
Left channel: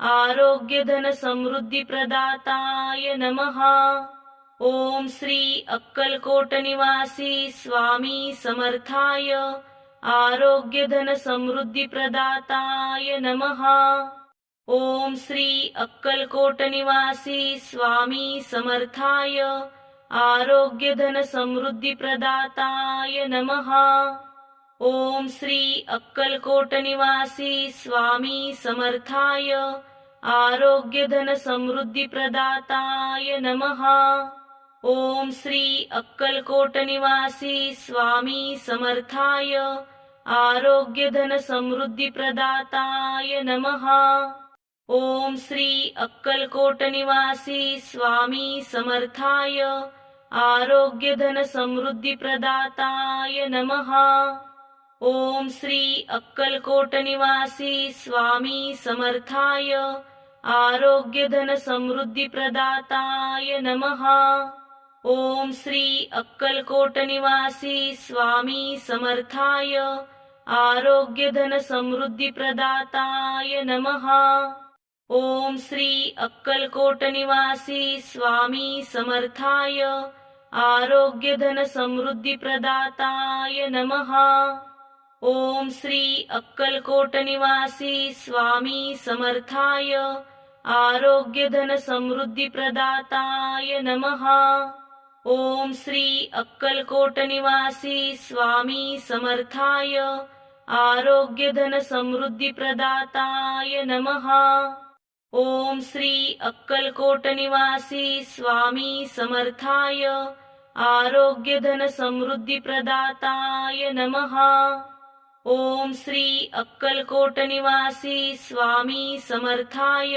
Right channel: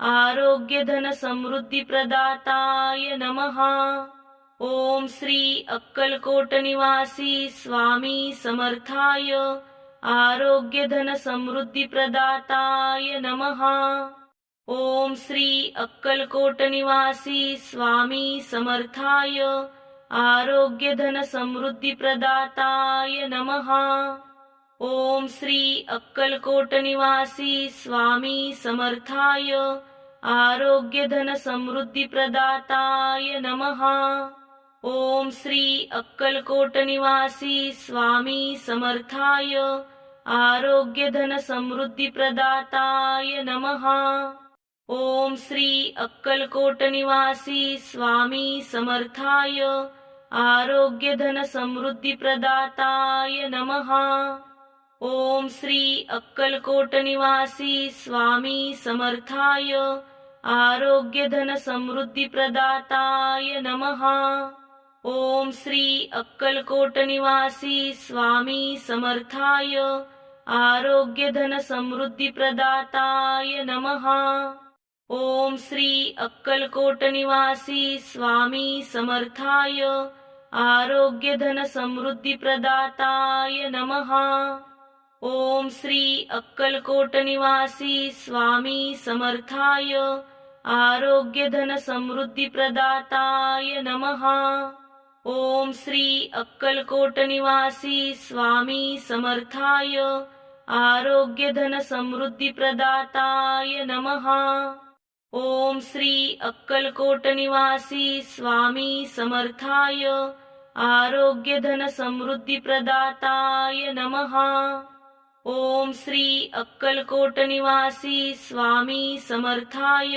आरोग्यधनसमृद्धिप्रदाताय नमः। ओम श्री अक्कलकोट निवासी स्वामी समर्थाय आरोग्यधनसमृद्धिप्रदाताय नमः। ओम श्री अक्कलकोट निवासी स्वामी समर्थाय आरोग्यधनसमृद्धिप्रदाताय नमः। ओम श्री अक्कलकोट निवासी स्वामी समर्थाय आरोग्यधनसमृद्धिप्रदाताय नमः। ओम श्री अक्कलकोट निवासी स्वामी समर्थाय आरोग्यधनसमृद्धिप्रदाताय नमः। ओम श्री अक्कलकोट निवासी स्वामी समर्थाय आरोग्यधनसमृद्धिप्रदाताय नमः। ओम श्री अक्कलकोट निवासी स्वामी समर्थाय आरोग्य धन समृद्धी प्रदाताय नमः। ओम श्री अक्कलकोट निवासी स्वामी समर्थाय आरोग्य धन समृद्धी प्रदाताय नमः। ओम श्री अक्कलकोट निवासी स्वामी समर्थाय आरोग्य धन समृद्धी प्रदाताय नमः। ओम श्री अक्कलकोट निवासी स्वामी समर्थाय आरोग्य धन समृद्धी प्रदाताय नमः। ओम श्री अक्कलकोट निवासी स्वामी समर्थाय आरोग्य धन समृद्धी प्रदाताय नमः। ओम श्री अक्कलकोट निवासी स्वामी समर्थाय आरोग्य धन समृद्धी प्रदाताय नमः। ओम श्री अक्कलकोट निवासी स्वामी समर्थाय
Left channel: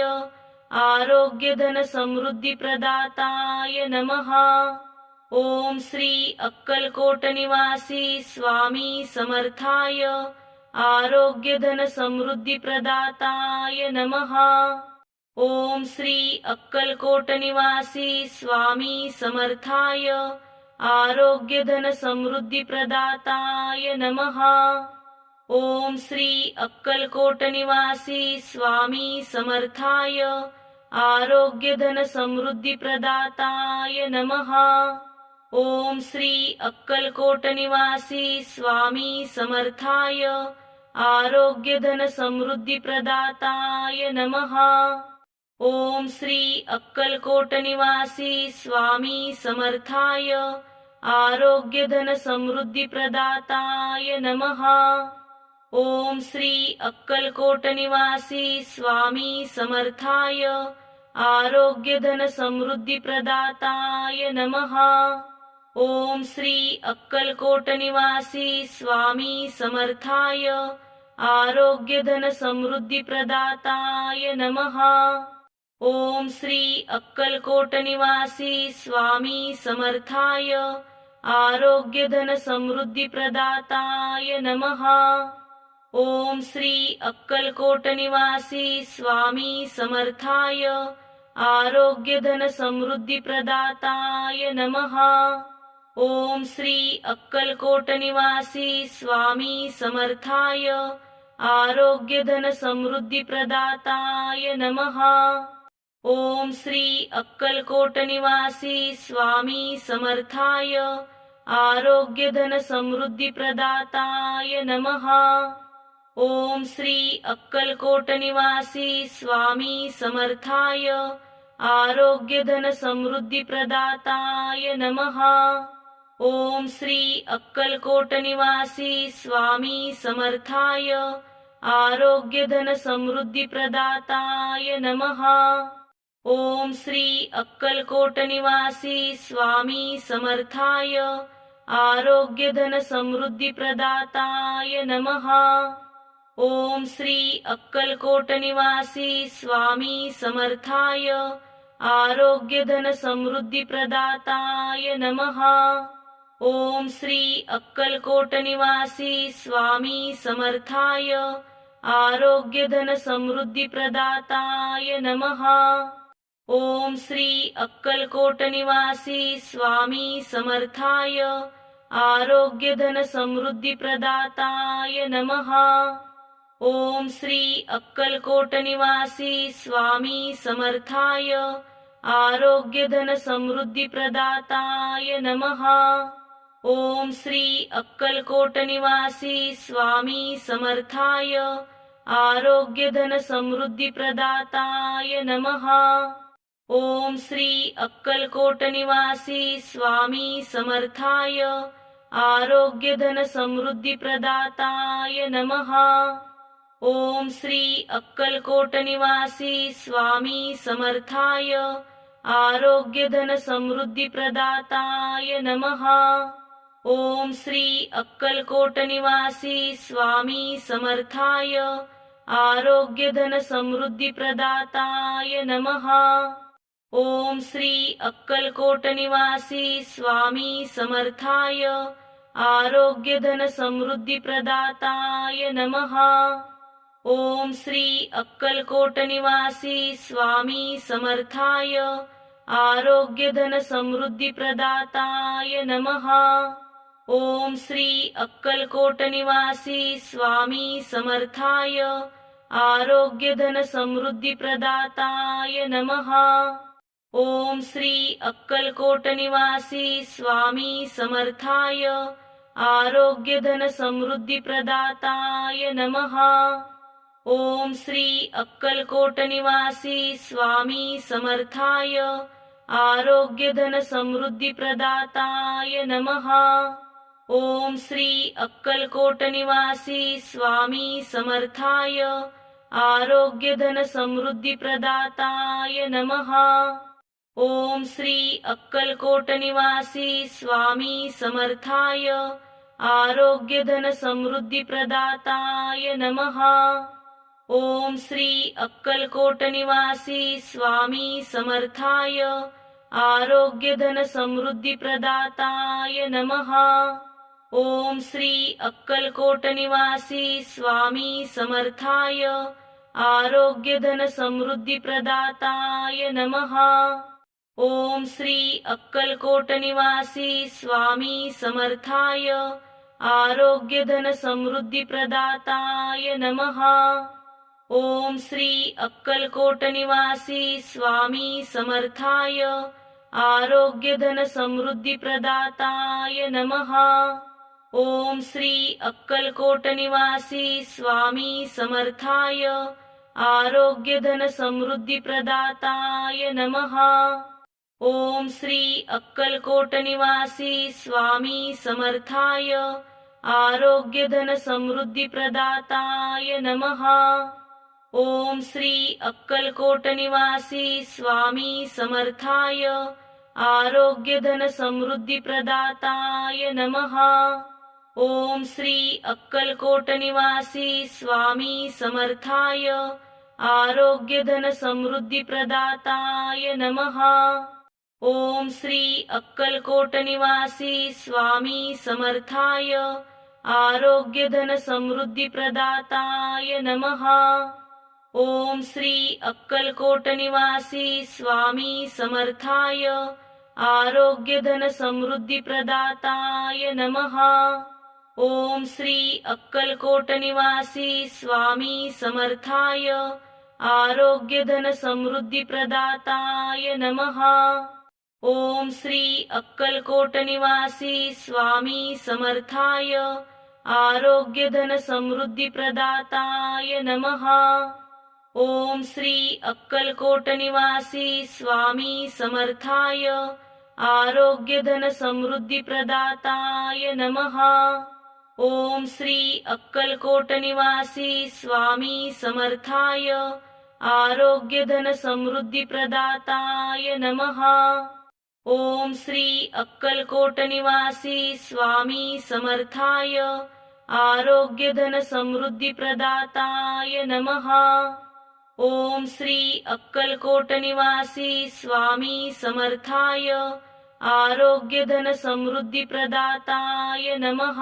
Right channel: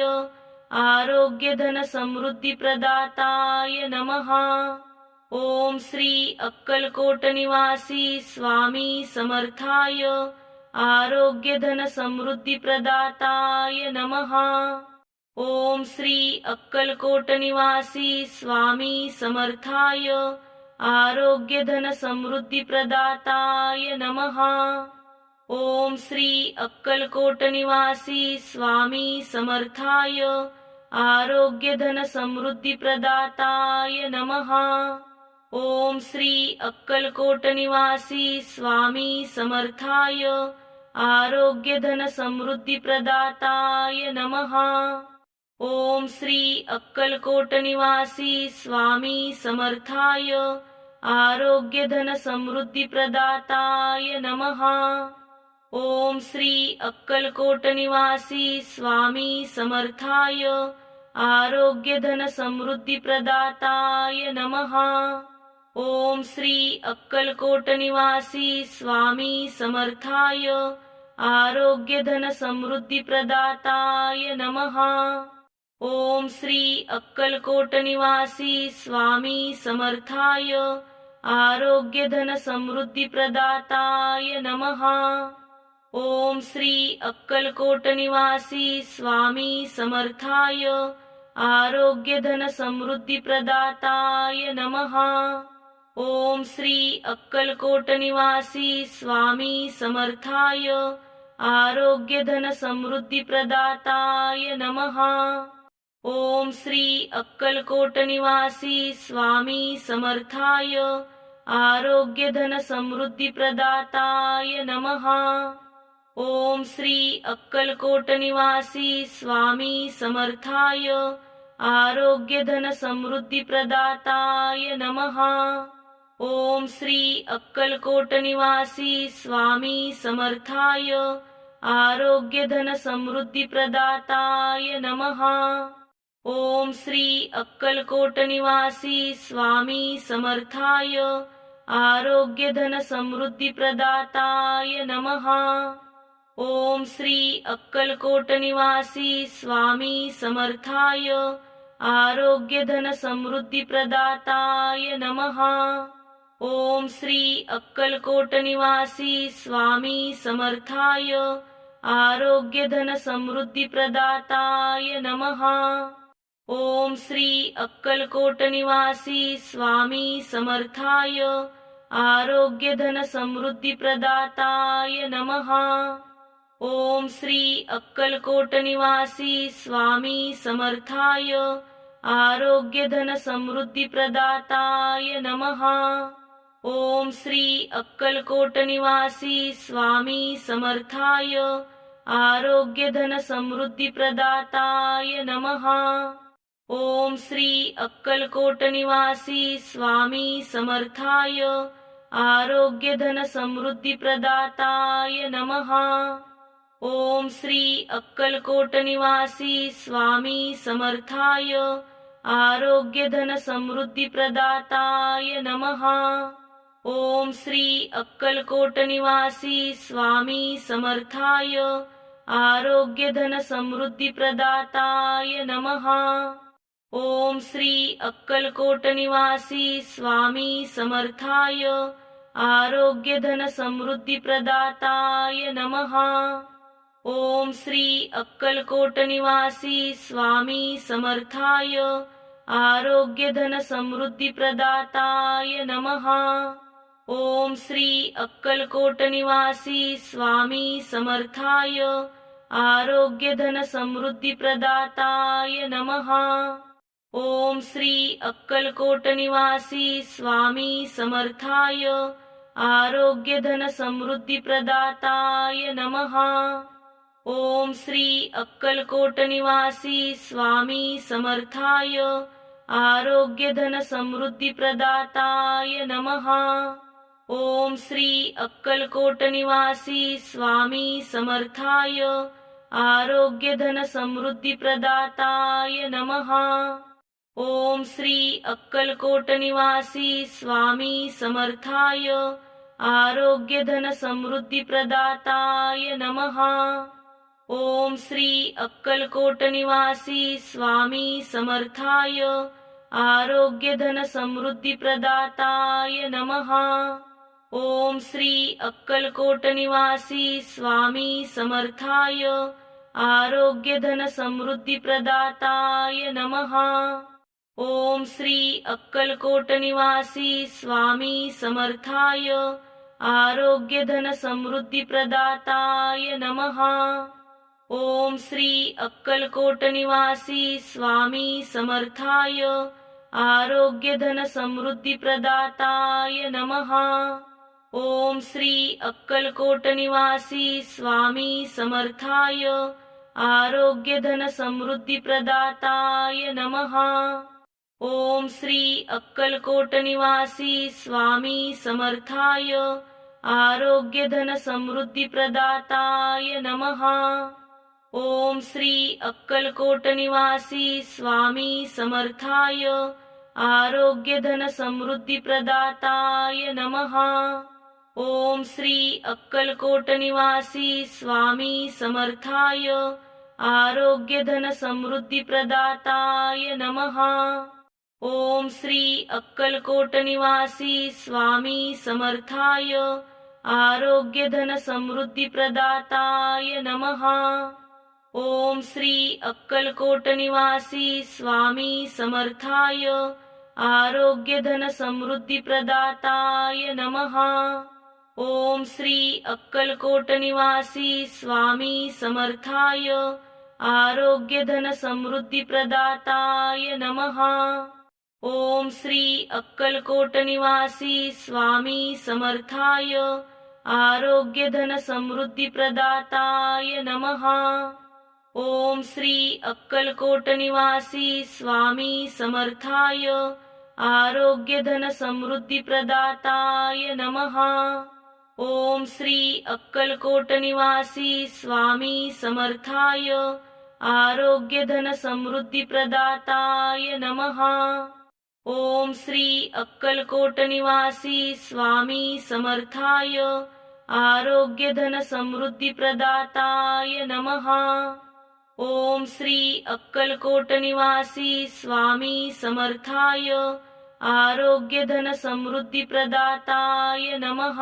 आरोग्य धन समृद्धी प्रदाताय नमः। ओम श्री अक्कलकोट निवासी स्वामी समर्थाय आरोग्य धन समृद्धी प्रदाताय नमः। ओम श्री अक्कलकोट निवासी स्वामी समर्थाय आरोग्य धन समृद्धी प्रदाताय नमः। ओम श्री अक्कलकोट निवासी स्वामी समर्थाय आरोग्य धन समृद्धी प्रदाताय नमः। ओम श्री अक्कलकोट निवासी स्वामी समर्थाय आरोग्य धन समृद्धी प्रदाताय नमः। ओम श्री अक्कलकोट निवासी स्वामी समर्थाय आरोग्य धन समृद्धी प्रदाताय नमः। ओम श्री अक्कलकोट निवासी स्वामी समर्थाय आरोग्य धन समृद्धी प्रदाताय नमः। ओम श्री अक्कलकोट निवासी स्वामी समर्थाय आरोग्य धन समृद्धी प्रदाताय नमः। ओम श्री अक्कलकोट निवासी स्वामी समर्थाय आरोग्य धन समृद्धी प्रदाताय नमः। ओम श्री अक्कलकोट निवासी स्वामी समर्थाय आरोग्य धन समृद्धी प्रदाताय नमः। ओम श्री अक्कलकोट निवासी स्वामी समर्थाय आरोग्य धन समृद्धी प्रदाताय नमः। ओम श्री अक्कलकोट निवासी स्वामी समर्थाय आरोग्य धन समृद्धी प्रदाताय नमः। ओम श्री अक्कलकोट निवासी स्वामी समर्थाय आरोग्य धन समृद्धी प्रदाताय नमः। ओम श्री अक्कलकोट निवासी स्वामी समर्थाय आरोग्य धन समृद्धी प्रदाताय नमः। ओम श्री अक्कलकोट निवासी स्वामी समर्थाय आरोग्य धन समृद्धी प्रदाताय नमः। ओम श्री अक्कलकोट निवासी स्वामी समर्थाय आरोग्य धन समृद्धी प्रदाताय नमः। ओम श्री अक्कलकोट निवासी स्वामी समर्थाय आरोग्य धन समृद्धी प्रदाताय नमः। ओम श्री अक्कलकोट निवासी स्वामी समर्थाय आरोग्य धन समृद्धी प्रदाताय नमः। ओम श्री अक्कलकोट निवासी स्वामी समर्थाय आरोग्य धन समृद्धी प्रदाताय नमः। ओम श्री अक्कलकोट निवासी स्वामी समर्थाय आरोग्य धन समृद्धी प्रदाताय नमः। ओम श्री अक्कलकोट निवासी स्वामी समर्थाय आरोग्य धन समृद्धी प्रदाताय नमः। ओम श्री अक्कलकोट निवासी स्वामी समर्थाय आरोग्य धन समृद्धी प्रदाताय नमः। ओम श्री अक्कलकोट निवासी स्वामी समर्थाय आरोग्य धन समृद्धी प्रदाताय नमः। ओम श्री अक्कलकोट निवासी स्वामी समर्थाय आरोग्यधनसमृद्धिप्रदाताय नमः। ओम श्री अक्कलकोट निवासी स्वामी समर्थाय आरोग्यधनसमृद्धिप्रदाताय नमः। ओम श्री अक्कलकोट निवासी स्वामी समर्थाय आरोग्यधनसमृद्धिप्रदाताय नमः। ओम श्री अक्कलकोट निवासी स्वामी समर्थाय आरोग्यधनसमृद्धिप्रदाताय नमः। ओम श्री अक्कलकोट निवासी स्वामी समर्थाय आरोग्यधनसमृद्धिप्रदाताय नमः। ओम श्री अक्कलकोट निवासी स्वामी समर्थाय आरोग्यधनसमृद्धिप्रदाताय नमः। ओम श्री अक्कलकोट निवासी स्वामी समर्थाय आरोग्यधनसमृद्धिप्रदाताय नमः। ओम श्री अक्कलकोट निवासी स्वामी समर्थाय आरोग्यधनसमृद्धिप्रदाताय नमः। ओम श्री अक्कलकोट निवासी स्वामी समर्थाय आरोग्यधनसमृद्धिप्रदाताय नमः। ओम श्री अक्कलकोट निवासी स्वामी समर्थाय आरोग्यधनसमृद्धिप्रदाताय नमः। ओम श्री अक्कलकोट निवासी स्वामी समर्थाय आरोग्यधनसमृद्धिप्रदाताय नमः। ओम श्री अक्कलकोट निवासी स्वामी समर्थाय आरोग्यधनसमृद्धिप्रदाताय नमः। ओम श्री अक्कलकोट निवासी स्वामी समर्थाय आरोग्यधनसमृद्धिप्रदाताय नमः। ओम श्री अक्कलकोट निवासी स्वामी समर्थाय आरोग्यधनसमृद्धिप्रदाताय नमः। ओम श्री अक्कलकोट निवासी स्वामी समर्थाय आरोग्यधनसमृद्धिप्रदाताय नमः। ओम श्री अक्कलकोट निवासी स्वामी समर्थाय आरोग्यधनसमृद्धिप्रदाताय नमः। ओम श्री अक्कलकोट निवासी स्वामी समर्थाय आरोग्यधनसमृद्धिप्रदाताय नमः। ओम श्री अक्कलकोट निवासी स्वामी समर्थाय आरोग्यधनसमृद्धिप्रदाताय नमः। ओम श्री अक्कलकोट निवासी स्वामी समर्थाय आरोग्यधनसमृद्धिप्रदाताय नमः। ओम श्री अक्कलकोट निवासी स्वामी समर्थाय आरोग्यधनसमृद्धिप्रदाताय नमः। ओम श्री अक्कलकोट निवासी स्वामी समर्थाय आरोग्यधनसमृद्धिप्रदाताय नमः। ओम श्री अक्कलकोट निवासी स्वामी समर्थाय आरोग्यधनसमृद्धिप्रदाताय नमः। ओम श्री अक्कलकोट निवासी स्वामी समर्थाय आरोग्यधनसमृद्धिप्रदाताय नमः।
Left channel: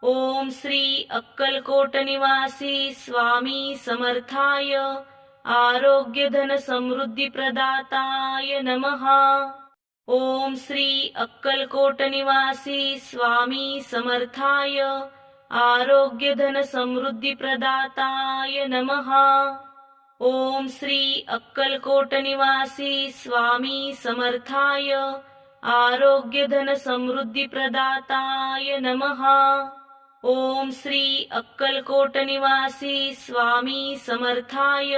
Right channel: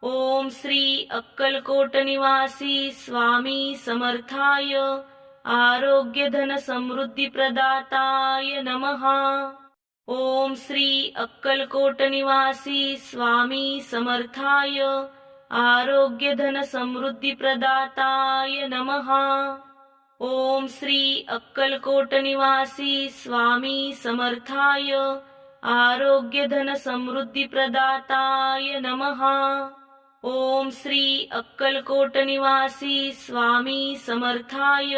ओम श्री अक्कलकोट निवासी स्वामी समर्थाय आरोग्यधनसमृद्धिप्रदाताय नमः। ओम श्री अक्कलकोट निवासी स्वामी समर्थाय आरोग्यधनसमृद्धिप्रदाताय नमः। ओम श्री अक्कलकोट निवासी स्वामी समर्थाय आरोग्यधनसमृद्धिप्रदाताय नमः। ओम श्री अक्कलकोट निवासी स्वामी समर्थाय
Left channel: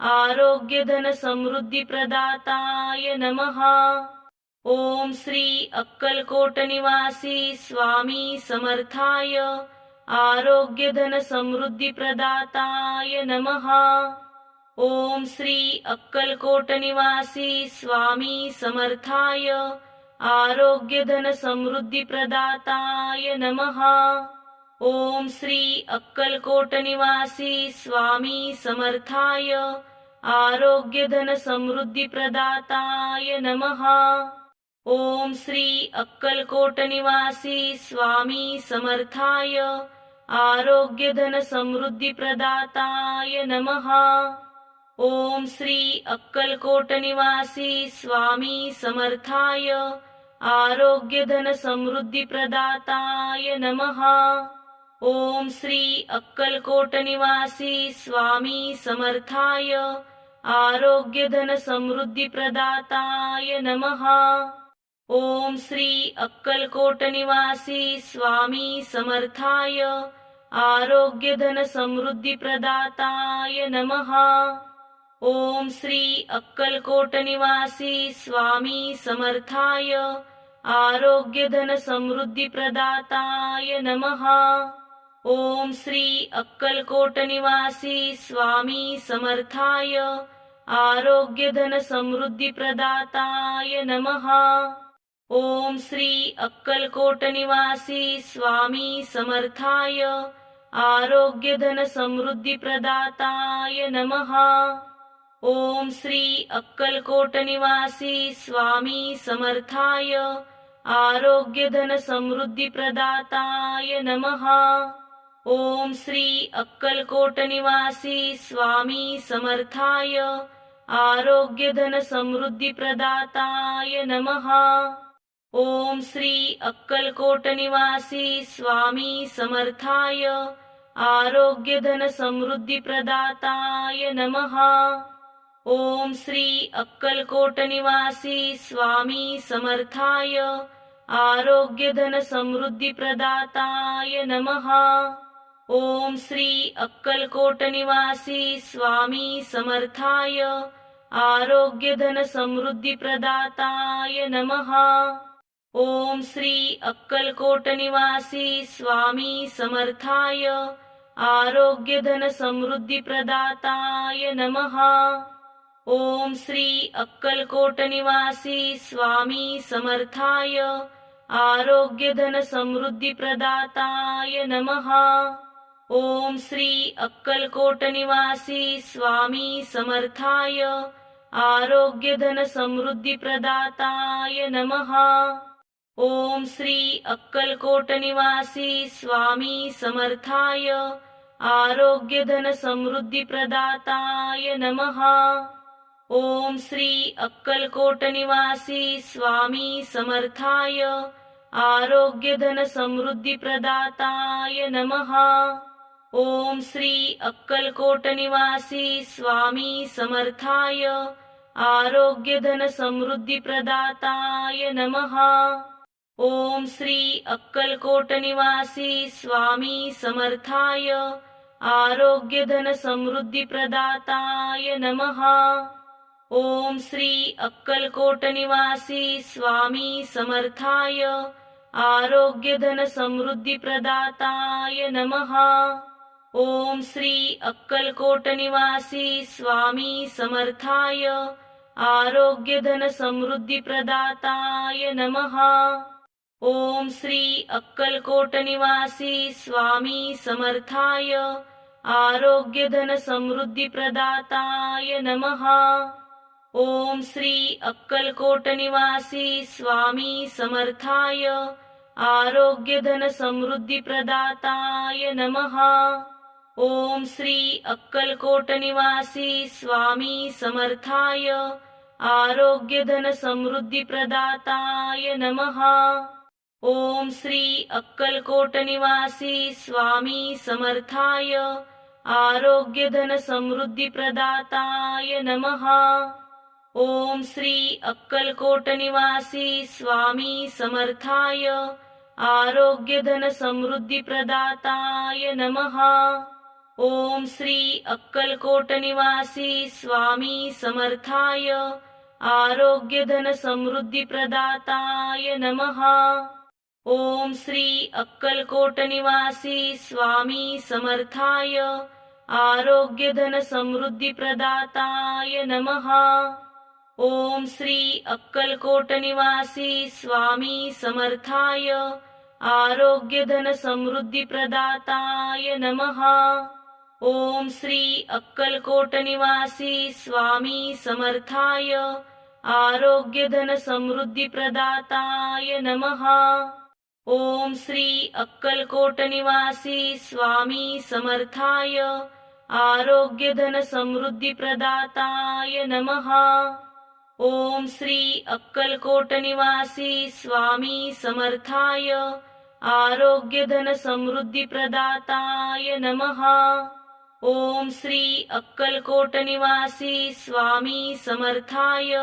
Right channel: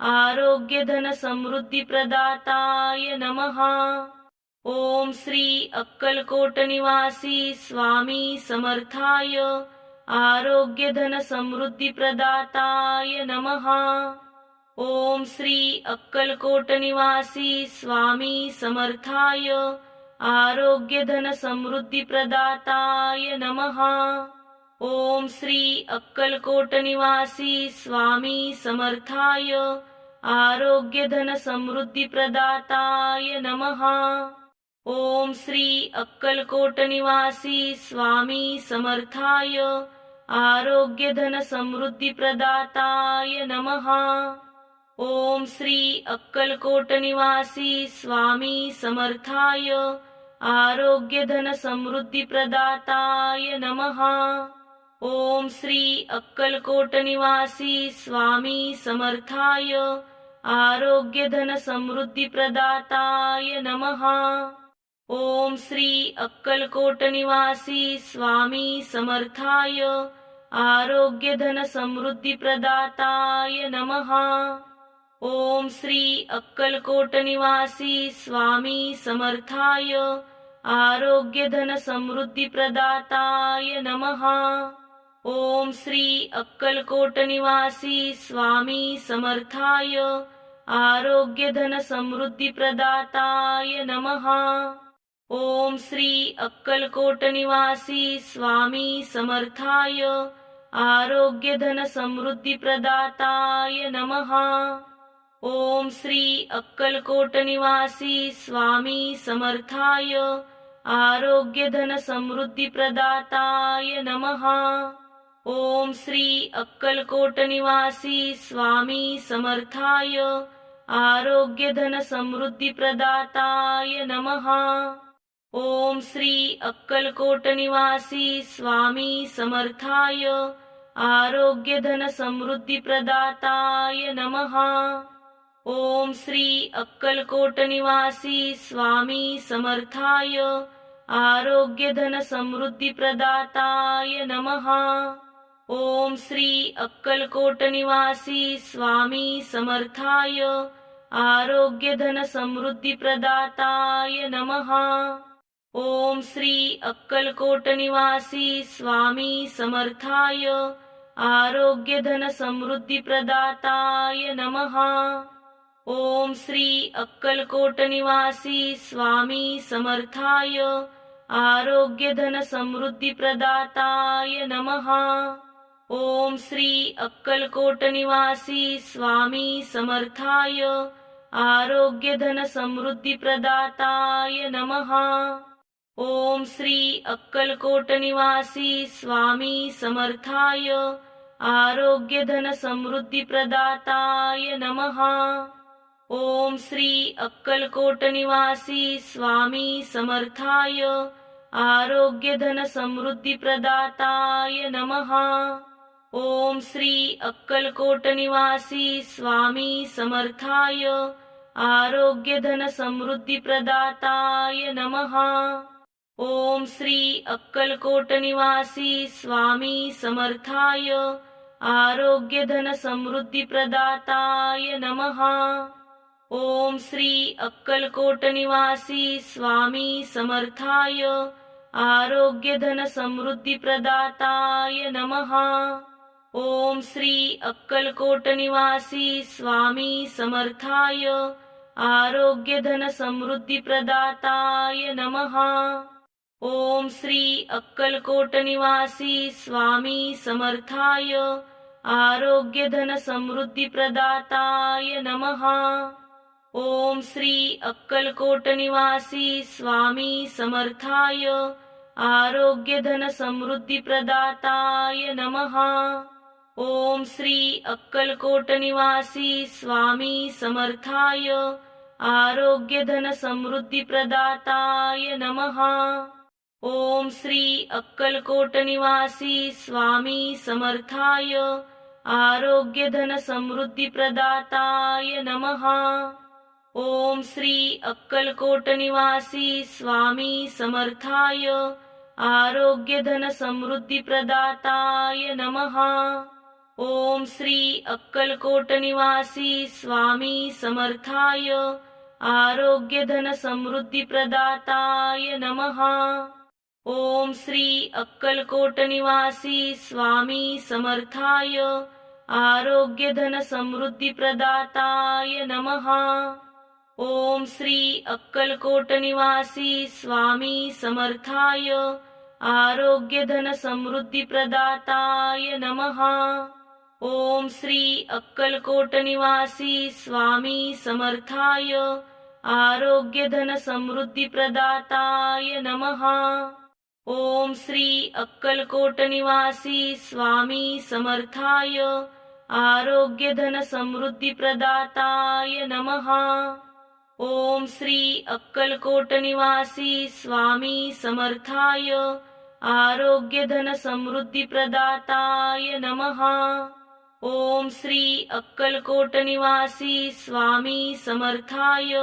आरोग्यधनसमृद्धिप्रदाताय नमः। ओम श्री अक्कलकोट निवासी स्वामी समर्थाय आरोग्यधनसमृद्धिप्रदाताय नमः। ओम श्री अक्कलकोट निवासी स्वामी समर्थाय आरोग्यधनसमृद्धिप्रदाताय नमः। ओम श्री अक्कलकोट निवासी स्वामी समर्थाय आरोग्यधनसमृद्धिप्रदाताय नमः। ओम श्री अक्कलकोट निवासी स्वामी समर्थाय आरोग्य धन समृद्धी प्रदाताय नमः। ओम श्री अक्कलकोट निवासी स्वामी समर्थाय आरोग्य धन समृद्धी प्रदाताय नमः। ओम श्री अक्कलकोट निवासी स्वामी समर्थाय आरोग्य धन समृद्धी प्रदाताय नमः। ओम श्री अक्कलकोट निवासी स्वामी समर्थाय आरोग्य धन समृद्धी प्रदाताय नमः। ओम श्री अक्कलकोट निवासी स्वामी समर्थाय आरोग्य धन समृद्धी प्रदाताय नमः। ओम श्री अक्कलकोट निवासी स्वामी समर्थाय आरोग्य धन समृद्धी प्रदाताय नमः। ओम श्री अक्कलकोट निवासी स्वामी समर्थाय आरोग्य धन समृद्धी प्रदाताय नमः। ओम श्री अक्कलकोट निवासी स्वामी समर्थाय आरोग्य धन समृद्धी प्रदाताय नमः। ओम श्री अक्कलकोट निवासी स्वामी समर्थाय आरोग्य धन समृद्धी प्रदाताय नमः। ओम श्री अक्कलकोट निवासी स्वामी समर्थाय आरोग्य धन समृद्धी प्रदाताय नमः। ओम श्री अक्कलकोट निवासी स्वामी समर्थाय आरोग्य धन समृद्धी प्रदाताय नमः। ओम श्री अक्कलकोट निवासी स्वामी समर्थाय आरोग्य धन समृद्धी प्रदाताय नमः। ओम श्री अक्कलकोट निवासी स्वामी समर्थाय आरोग्य धन समृद्धी प्रदाताय नमः। ओम श्री अक्कलकोट निवासी स्वामी समर्थाय आरोग्य धन समृद्धी प्रदाताय नमः। ओम श्री अक्कलकोट निवासी स्वामी समर्थाय आरोग्य धन समृद्धी प्रदाताय नमः। ओम श्री अक्कलकोट निवासी स्वामी समर्थाय आरोग्य धन समृद्धी प्रदाताय नमः। ओम श्री अक्कलकोट निवासी स्वामी समर्थाय आरोग्य धन समृद्धी प्रदाताय नमः। ओम श्री अक्कलकोट निवासी स्वामी समर्थाय आरोग्य धन समृद्धी प्रदाताय नमः। ओम श्री अक्कलकोट निवासी स्वामी समर्थाय आरोग्य धन समृद्धी प्रदाताय नमः। ओम श्री अक्कलकोट निवासी स्वामी समर्थाय आरोग्य धन समृद्धी प्रदाताय नमः। ओम श्री अक्कलकोट निवासी स्वामी समर्थाय आरोग्य धन समृद्धी प्रदाताय नमः। ओम श्री अक्कलकोट निवासी स्वामी समर्थाय आरोग्य धन समृद्धी प्रदाताय नमः। ओम श्री अक्कलकोट निवासी स्वामी समर्थाय आरोग्य धन समृद्धी प्रदाताय नमः। ओम श्री अक्कलकोट निवासी स्वामी समर्थाय आरोग्य धन समृद्धी प्रदाताय नमः। ओम श्री अक्कलकोट निवासी स्वामी समर्थाय आरोग्य धन समृद्धी प्रदाताय नमः। ओम श्री अक्कलकोट निवासी स्वामी समर्थाय आरोग्य धन समृद्धी प्रदाताय नमः। ओम श्री अक्कलकोट निवासी स्वामी समर्थाय आरोग्य धन समृद्धी प्रदाताय नमः। ओम श्री अक्कलकोट निवासी स्वामी समर्थाय आरोग्य धन समृद्धी प्रदाताय नमः। ओम श्री अक्कलकोट निवासी स्वामी समर्थाय आरोग्य धन समृद्धी प्रदाताय नमः। ओम श्री अक्कलकोट निवासी स्वामी समर्थाय आरोग्यधनसमृद्धिप्रदाताय नमः। ओम श्री अक्कलकोट निवासी स्वामी समर्थाय आरोग्यधनसमृद्धिप्रदाताय नमः। ओम श्री अक्कलकोट निवासी स्वामी समर्थाय आरोग्यधनसमृद्धिप्रदाताय नमः। ओम श्री अक्कलकोट निवासी स्वामी समर्थाय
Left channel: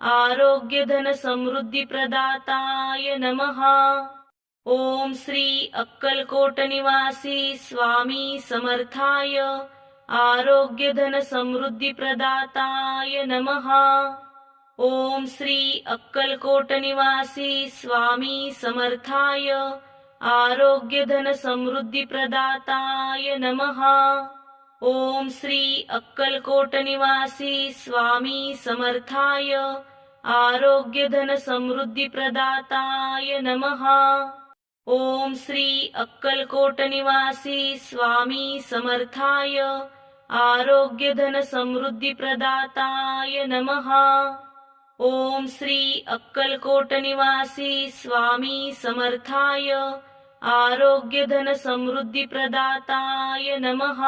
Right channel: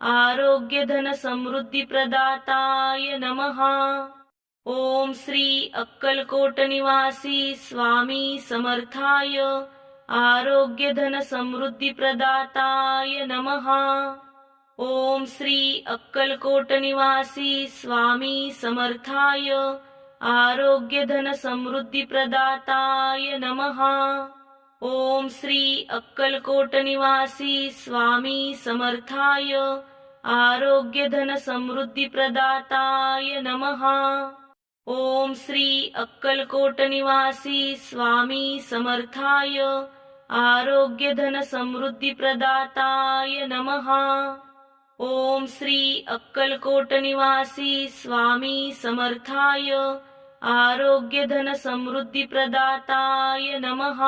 आरोग्यधनसमृद्धिप्रदाताय नमः। ओम श्री अक्कलकोट निवासी स्वामी समर्थाय आरोग्यधनसमृद्धिप्रदाताय नमः। ओम श्री अक्कलकोट निवासी स्वामी समर्थाय आरोग्यधनसमृद्धिप्रदाताय नमः। ओम श्री अक्कलकोट निवासी स्वामी समर्थाय आरोग्यधनसमृद्धिप्रदाताय नमः। ओम श्री अक्कलकोट निवासी स्वामी समर्थाय आरोग्यधनसमृद्धिप्रदाताय नमः। ओम श्री अक्कलकोट निवासी स्वामी समर्थाय आरोग्यधनसमृद्धिप्रदाताय नमः।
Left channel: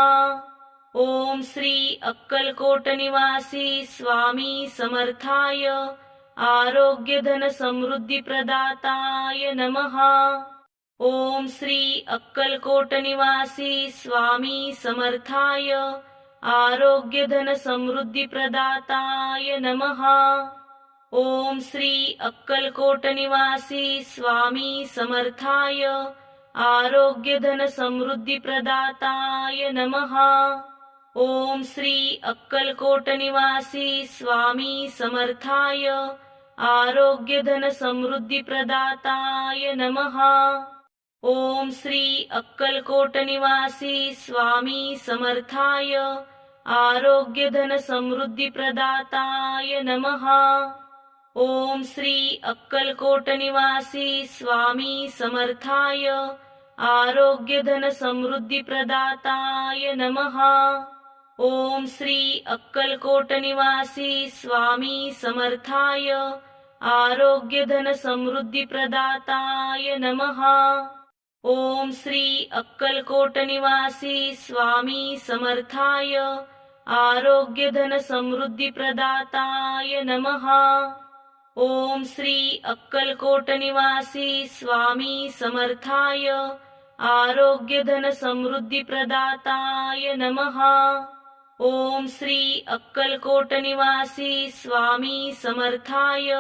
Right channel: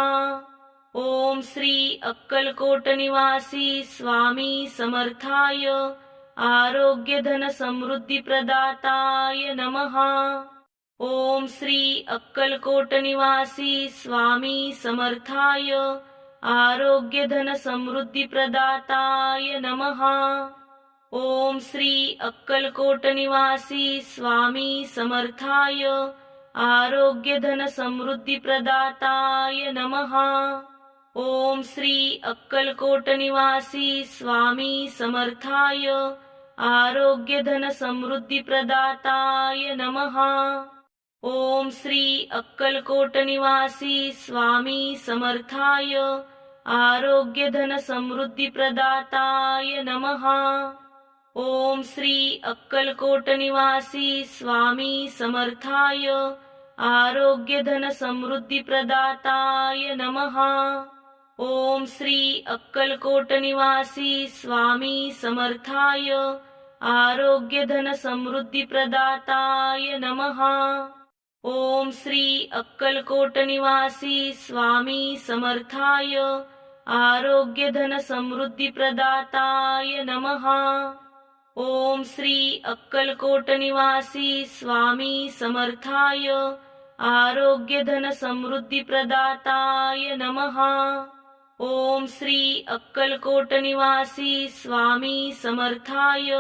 ओम श्री अक्कलकोट निवासी स्वामी समर्थाय आरोग्यधनसमृद्धिप्रदाताय नमः। ओम श्री अक्कलकोट निवासी स्वामी समर्थाय आरोग्यधनसमृद्धिप्रदाताय नमः। ओम श्री अक्कलकोट निवासी स्वामी समर्थाय आरोग्यधनसमृद्धिप्रदाताय नमः। ओम श्री अक्कलकोट निवासी स्वामी समर्थाय आरोग्यधनसमृद्धिप्रदाताय नमः। ओम श्री अक्कलकोट निवासी स्वामी समर्थाय आरोग्यधनसमृद्धिप्रदाताय नमः। ओम श्री अक्कलकोट निवासी स्वामी समर्थाय आरोग्यधनसमृद्धिप्रदाताय नमः। ओम श्री अक्कलकोट निवासी स्वामी समर्थाय आरोग्यधनसमृद्धिप्रदाताय नमः। ओम श्री अक्कलकोट निवासी स्वामी समर्थाय आरोग्यधनसमृद्धिप्रदाताय नमः। ओम श्री अक्कलकोट निवासी स्वामी समर्थाय आरोग्यधनसमृद्धिप्रदाताय नमः। ओम श्री अक्कलकोट निवासी स्वामी समर्थाय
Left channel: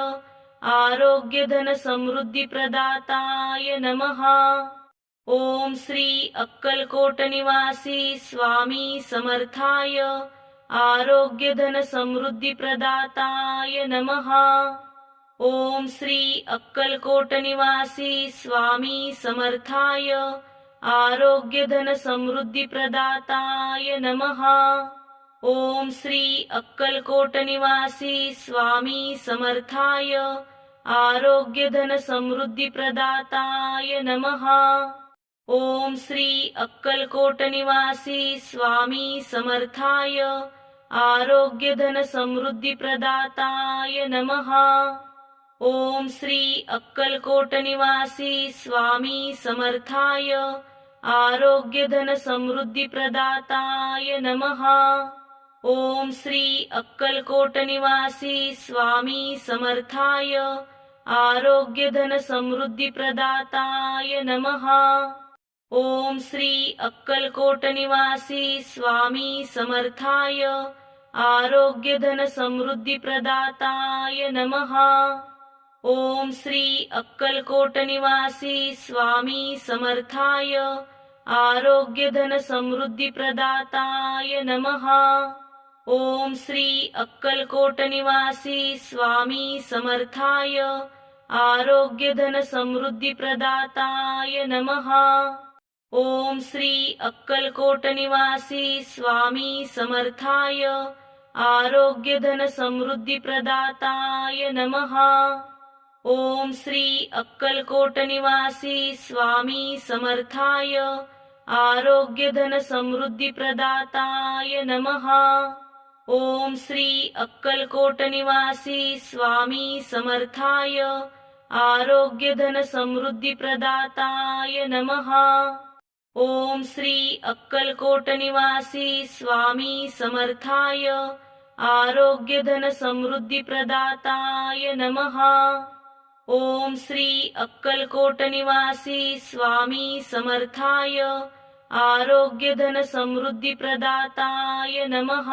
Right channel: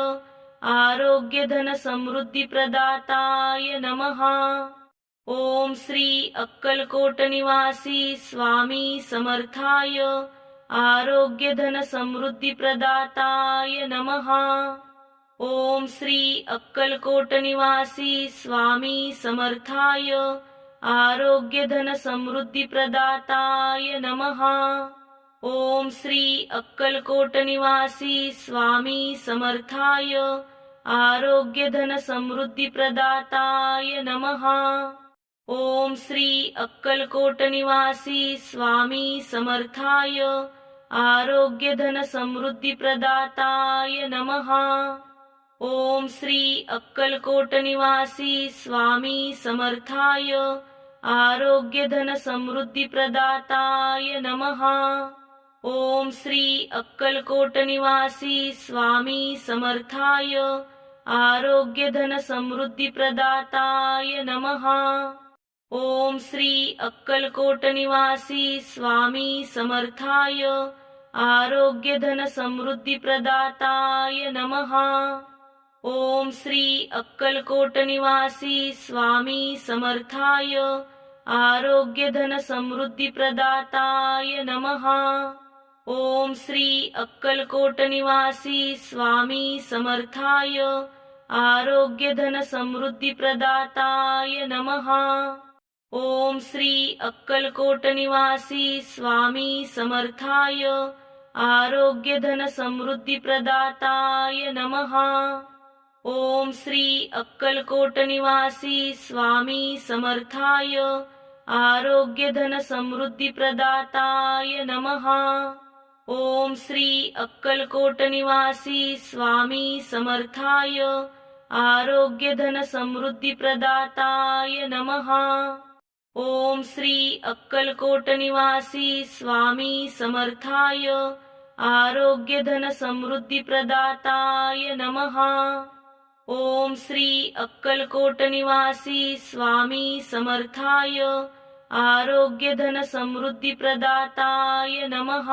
आरोग्यधनसमृद्धिप्रदाताय नमः। ओम श्री अक्कलकोट निवासी स्वामी समर्थाय आरोग्यधनसमृद्धिप्रदाताय नमः। ओम श्री अक्कलकोट निवासी स्वामी समर्थाय आरोग्यधनसमृद्धिप्रदाताय नमः। ओम श्री अक्कलकोट निवासी स्वामी समर्थाय आरोग्यधनसमृद्धिप्रदाताय नमः। ओम श्री अक्कलकोट निवासी स्वामी समर्थाय आरोग्यधनसमृद्धिप्रदाताय नमः। ओम श्री अक्कलकोट निवासी स्वामी समर्थाय आरोग्यधनसमृद्धिप्रदाताय नमः। ओम श्री अक्कलकोट निवासी स्वामी समर्थाय आरोग्यधनसमृद्धिप्रदाताय नमः। ओम श्री अक्कलकोट निवासी स्वामी समर्थाय आरोग्यधनसमृद्धिप्रदाताय नमः। ओम श्री अक्कलकोट निवासी स्वामी समर्थाय आरोग्यधनसमृद्धिप्रदाताय नमः। ओम श्री अक्कलकोट निवासी स्वामी समर्थाय आरोग्यधनसमृद्धिप्रदाताय नमः। ओम श्री अक्कलकोट निवासी स्वामी समर्थाय आरोग्यधनसमृद्धिप्रदाताय नमः। ओम श्री अक्कलकोट निवासी स्वामी समर्थाय आरोग्यधनसमृद्धिप्रदाताय नमः। ओम श्री अक्कलकोट निवासी स्वामी समर्थाय आरोग्य धन समृद्धी प्रदाताय नमः। ओम श्री अक्कलकोट निवासी स्वामी समर्थाय आरोग्य धन समृद्धी प्रदाताय नमः। ओम श्री अक्कलकोट निवासी स्वामी समर्थाय आरोग्य धन समृद्धी प्रदाताय नमः।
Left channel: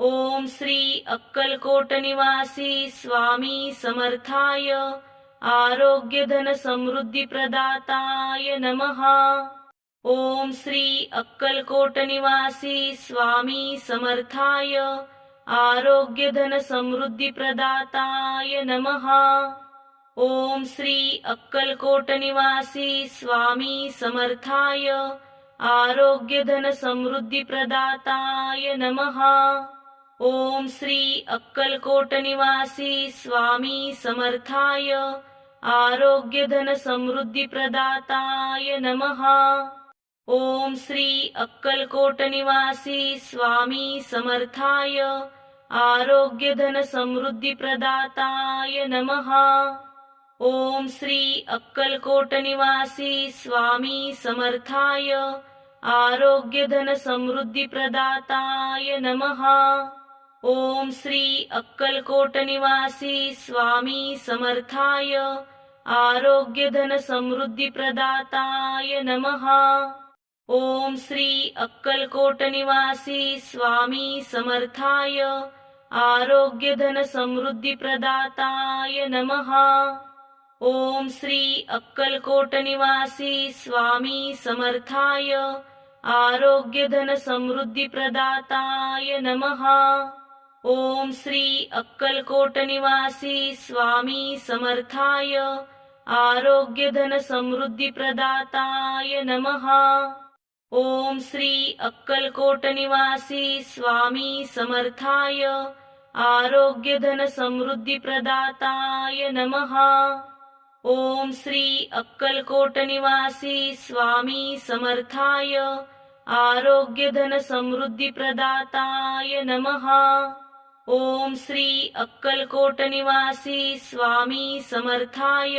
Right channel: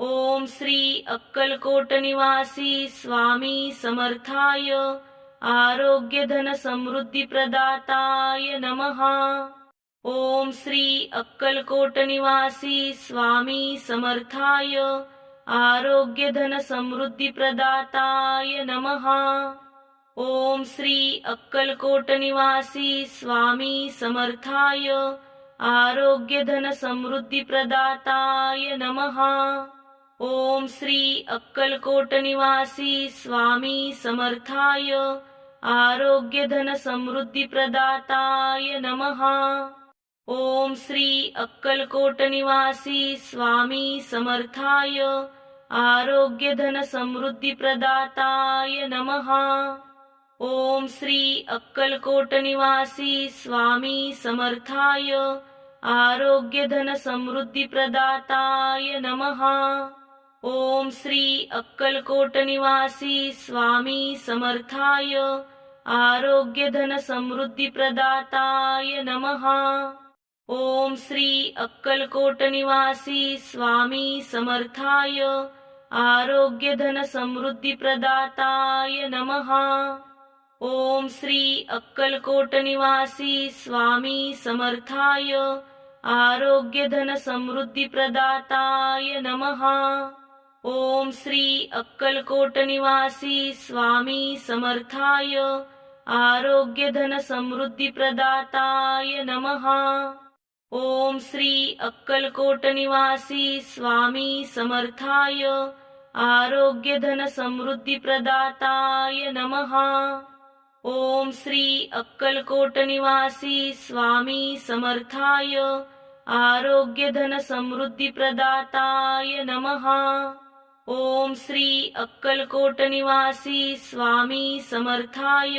ओम श्री अक्कलकोट निवासी स्वामी समर्थाय आरोग्य धन समृद्धी प्रदाताय नमः। ओम श्री अक्कलकोट निवासी स्वामी समर्थाय आरोग्य धन समृद्धी प्रदाताय नमः। ओम श्री अक्कलकोट निवासी स्वामी समर्थाय आरोग्य धन समृद्धी प्रदाताय नमः। ओम श्री अक्कलकोट निवासी स्वामी समर्थाय आरोग्य धन समृद्धी प्रदाताय नमः। ओम श्री अक्कलकोट निवासी स्वामी समर्थाय आरोग्य धन समृद्धी प्रदाताय नमः। ओम श्री अक्कलकोट निवासी स्वामी समर्थाय आरोग्य धन समृद्धी प्रदाताय नमः। ओम श्री अक्कलकोट निवासी स्वामी समर्थाय आरोग्य धन समृद्धी प्रदाताय नमः। ओम श्री अक्कलकोट निवासी स्वामी समर्थाय आरोग्य धन समृद्धी प्रदाताय नमः। ओम श्री अक्कलकोट निवासी स्वामी समर्थाय आरोग्य धन समृद्धी प्रदाताय नमः। ओम श्री अक्कलकोट निवासी स्वामी समर्थाय आरोग्य धन समृद्धी प्रदाताय नमः। ओम श्री अक्कलकोट निवासी स्वामी समर्थाय आरोग्य धन समृद्धी प्रदाताय नमः। ओम श्री अक्कलकोट निवासी स्वामी समर्थाय आरोग्य धन समृद्धी प्रदाताय नमः। ओम श्री अक्कलकोट निवासी स्वामी समर्थाय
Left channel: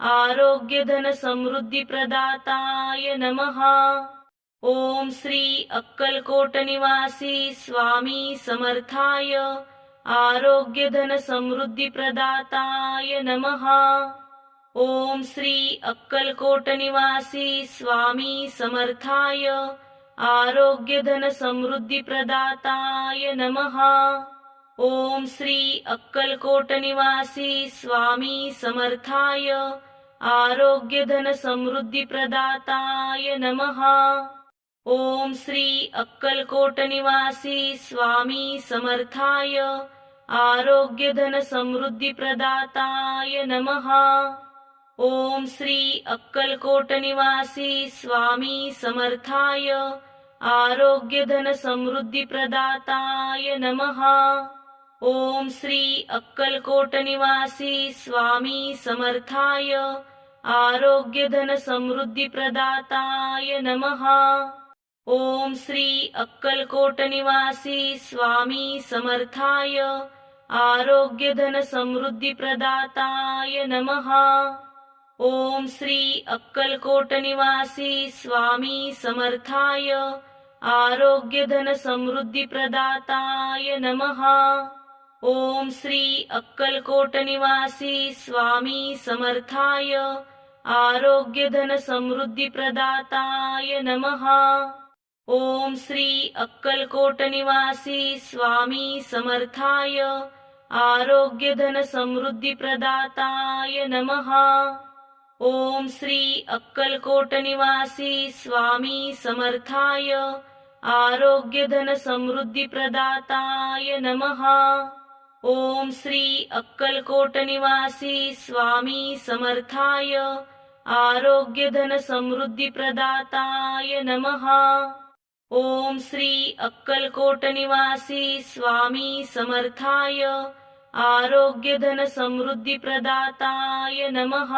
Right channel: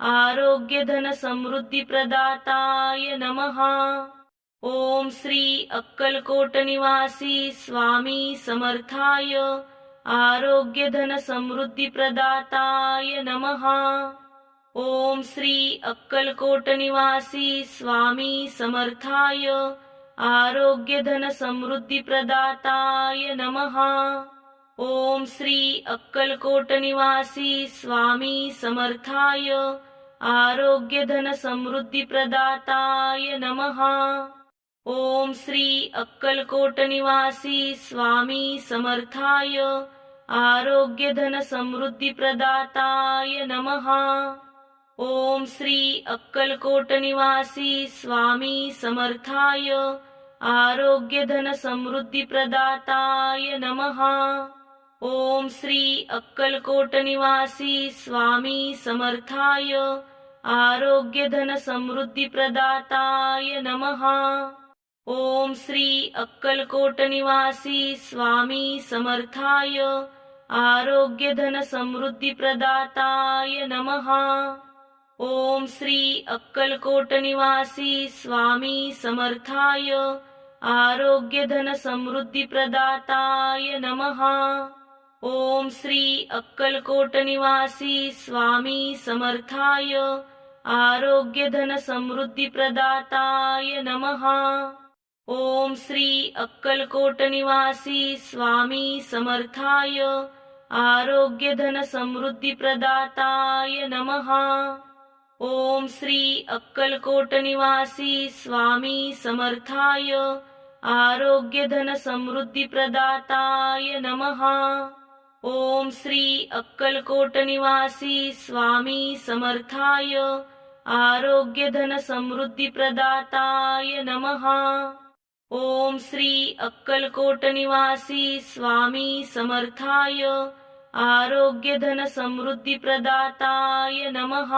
आरोग्य धन समृद्धी प्रदाताय नमः। ओम श्री अक्कलकोट निवासी स्वामी समर्थाय आरोग्य धन समृद्धी प्रदाताय नमः। ओम श्री अक्कलकोट निवासी स्वामी समर्थाय आरोग्य धन समृद्धी प्रदाताय नमः। ओम श्री अक्कलकोट निवासी स्वामी समर्थाय आरोग्य धन समृद्धी प्रदाताय नमः। ओम श्री अक्कलकोट निवासी स्वामी समर्थाय आरोग्य धन समृद्धी प्रदाताय नमः। ओम श्री अक्कलकोट निवासी स्वामी समर्थाय आरोग्य धन समृद्धी प्रदाताय नमः। ओम श्री अक्कलकोट निवासी स्वामी समर्थाय आरोग्य धन समृद्धी प्रदाताय नमः। ओम श्री अक्कलकोट निवासी स्वामी समर्थाय आरोग्य धन समृद्धी प्रदाताय नमः। ओम श्री अक्कलकोट निवासी स्वामी समर्थाय आरोग्य धन समृद्धी प्रदाताय नमः। ओम श्री अक्कलकोट निवासी स्वामी समर्थाय आरोग्य धन समृद्धी प्रदाताय नमः। ओम श्री अक्कलकोट निवासी स्वामी समर्थाय आरोग्य धन समृद्धी प्रदाताय नमः। ओम श्री अक्कलकोट निवासी स्वामी समर्थाय आरोग्य धन समृद्धी प्रदाताय नमः। ओम श्री अक्कलकोट निवासी स्वामी समर्थाय आरोग्य धन समृद्धी प्रदाताय नमः। ओम श्री अक्कलकोट निवासी स्वामी समर्थाय आरोग्य धन समृद्धी प्रदाताय नमः।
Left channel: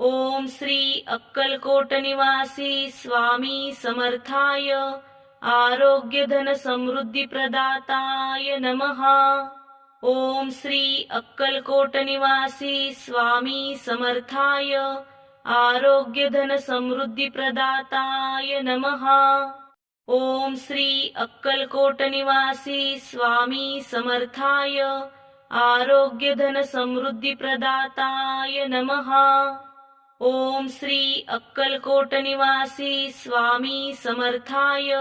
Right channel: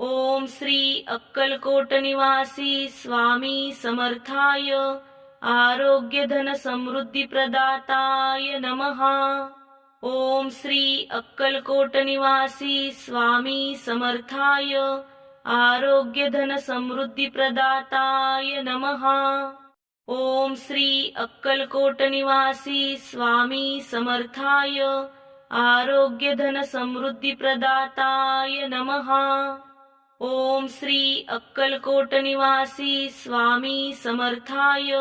ओम श्री अक्कलकोट निवासी स्वामी समर्थाय आरोग्यधनसमृद्धिप्रदाताय नमः। ओम श्री अक्कलकोट निवासी स्वामी समर्थाय आरोग्यधनसमृद्धिप्रदाताय नमः। ओम श्री अक्कलकोट निवासी स्वामी समर्थाय आरोग्यधनसमृद्धिप्रदाताय नमः। ओम श्री अक्कलकोट निवासी स्वामी समर्थाय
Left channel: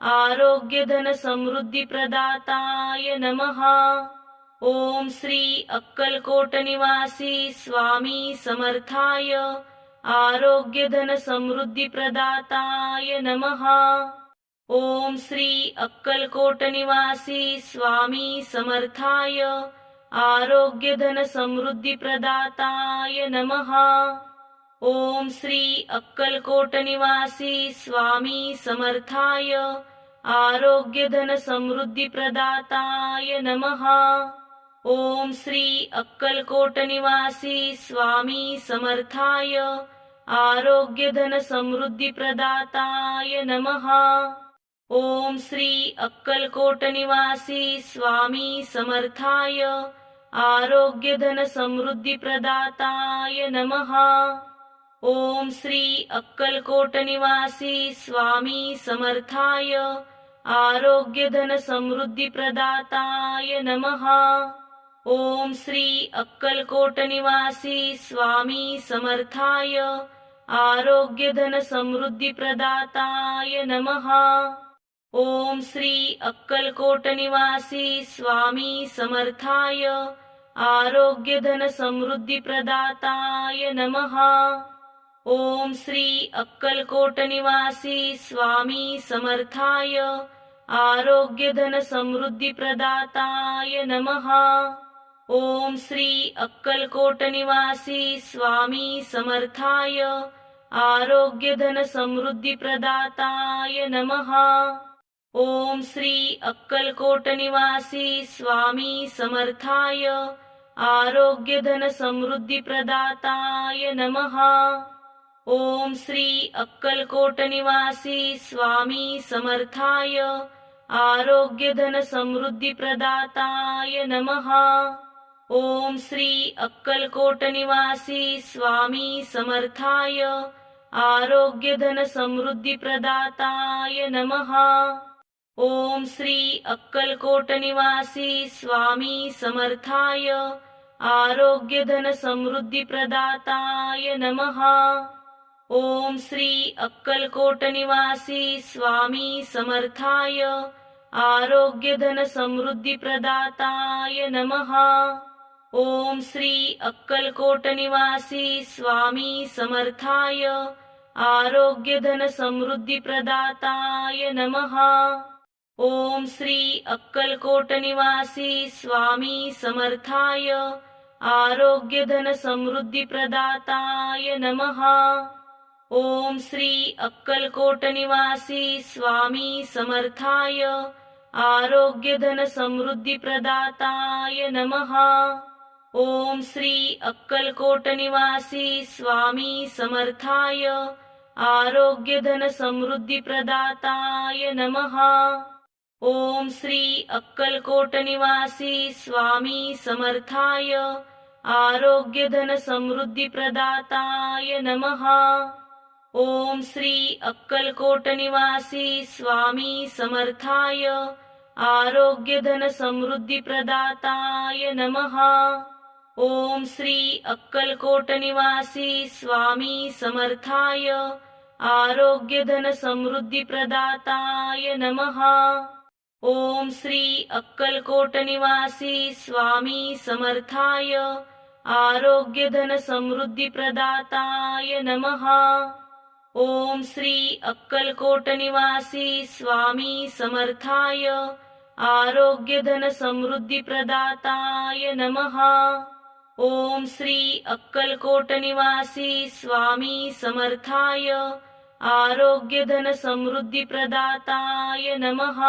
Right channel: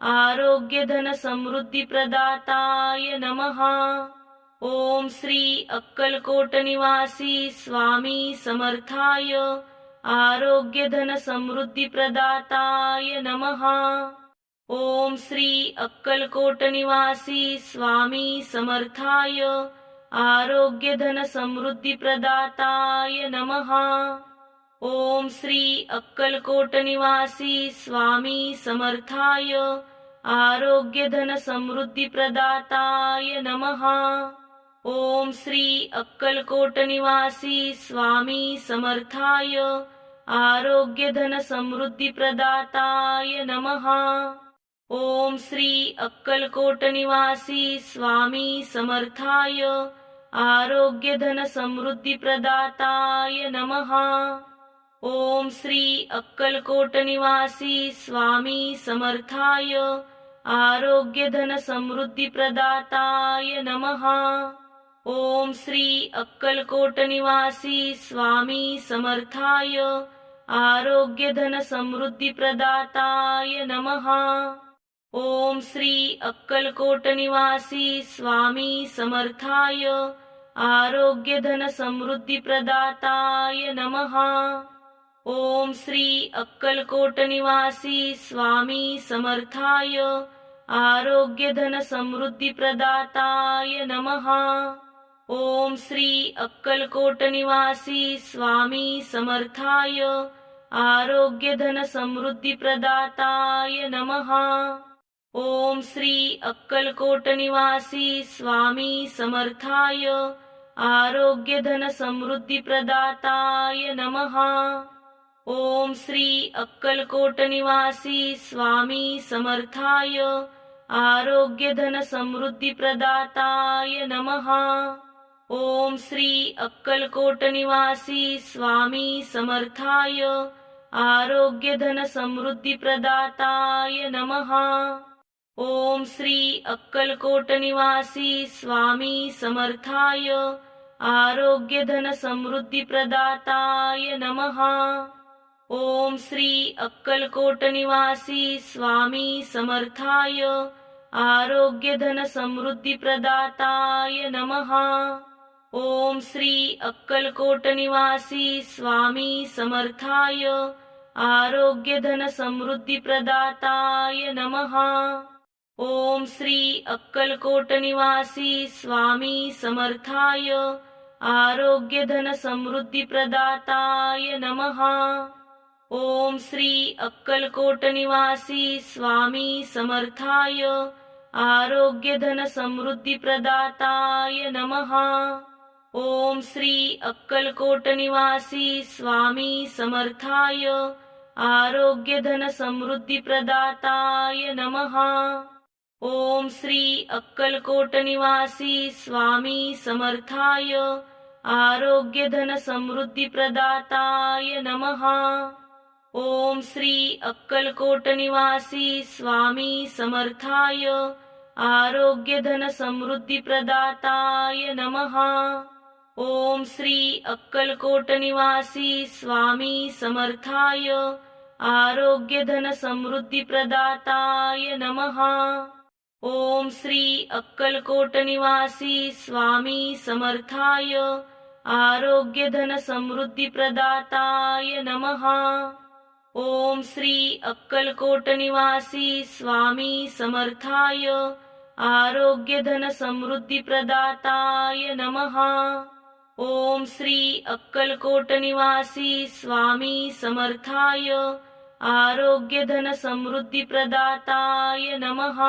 आरोग्यधनसमृद्धिप्रदाताय नमः। ओम श्री अक्कलकोट निवासी स्वामी समर्थाय आरोग्यधनसमृद्धिप्रदाताय नमः। ओम श्री अक्कलकोट निवासी स्वामी समर्थाय आरोग्यधनसमृद्धिप्रदाताय नमः। ओम श्री अक्कलकोट निवासी स्वामी समर्थाय आरोग्यधनसमृद्धिप्रदाताय नमः। ओम श्री अक्कलकोट निवासी स्वामी समर्थाय आरोग्यधनसमृद्धिप्रदाताय नमः। ओम श्री अक्कलकोट निवासी स्वामी समर्थाय आरोग्यधनसमृद्धिप्रदाताय नमः। ओम श्री अक्कलकोट निवासी स्वामी समर्थाय आरोग्यधनसमृद्धिप्रदाताय नमः। ओम श्री अक्कलकोट निवासी स्वामी समर्थाय आरोग्यधनसमृद्धिप्रदाताय नमः। ओम श्री अक्कलकोट निवासी स्वामी समर्थाय आरोग्यधनसमृद्धिप्रदाताय नमः। ओम श्री अक्कलकोट निवासी स्वामी समर्थाय आरोग्यधनसमृद्धिप्रदाताय नमः। ओम श्री अक्कलकोट निवासी स्वामी समर्थाय आरोग्यधनसमृद्धिप्रदाताय नमः। ओम श्री अक्कलकोट निवासी स्वामी समर्थाय आरोग्यधनसमृद्धिप्रदाताय नमः। ओम श्री अक्कलकोट निवासी स्वामी समर्थाय आरोग्यधनसमृद्धिप्रदाताय नमः। ओम श्री अक्कलकोट निवासी स्वामी समर्थाय आरोग्यधनसमृद्धिप्रदाताय नमः। ओम श्री अक्कलकोट निवासी स्वामी समर्थाय आरोग्यधनसमृद्धिप्रदाताय नमः। ओम श्री अक्कलकोट निवासी स्वामी समर्थाय आरोग्यधनसमृद्धिप्रदाताय नमः। ओम श्री अक्कलकोट निवासी स्वामी समर्थाय आरोग्यधनसमृद्धिप्रदाताय नमः। ओम श्री अक्कलकोट निवासी स्वामी समर्थाय आरोग्यधनसमृद्धिप्रदाताय नमः। ओम श्री अक्कलकोट निवासी स्वामी समर्थाय आरोग्यधनसमृद्धिप्रदाताय नमः। ओम श्री अक्कलकोट निवासी स्वामी समर्थाय आरोग्यधनसमृद्धिप्रदाताय नमः। ओम श्री अक्कलकोट निवासी स्वामी समर्थाय आरोग्यधनसमृद्धिप्रदाताय नमः। ओम श्री अक्कलकोट निवासी स्वामी समर्थाय आरोग्यधनसमृद्धिप्रदाताय नमः। ओम श्री अक्कलकोट निवासी स्वामी समर्थाय आरोग्यधनसमृद्धिप्रदाताय नमः। ओम श्री अक्कलकोट निवासी स्वामी समर्थाय आरोग्यधनसमृद्धिप्रदाताय नमः। ओम श्री अक्कलकोट निवासी स्वामी समर्थाय आरोग्यधनसमृद्धिप्रदाताय नमः। ओम श्री अक्कलकोट निवासी स्वामी समर्थाय आरोग्यधनसमृद्धिप्रदाताय नमः।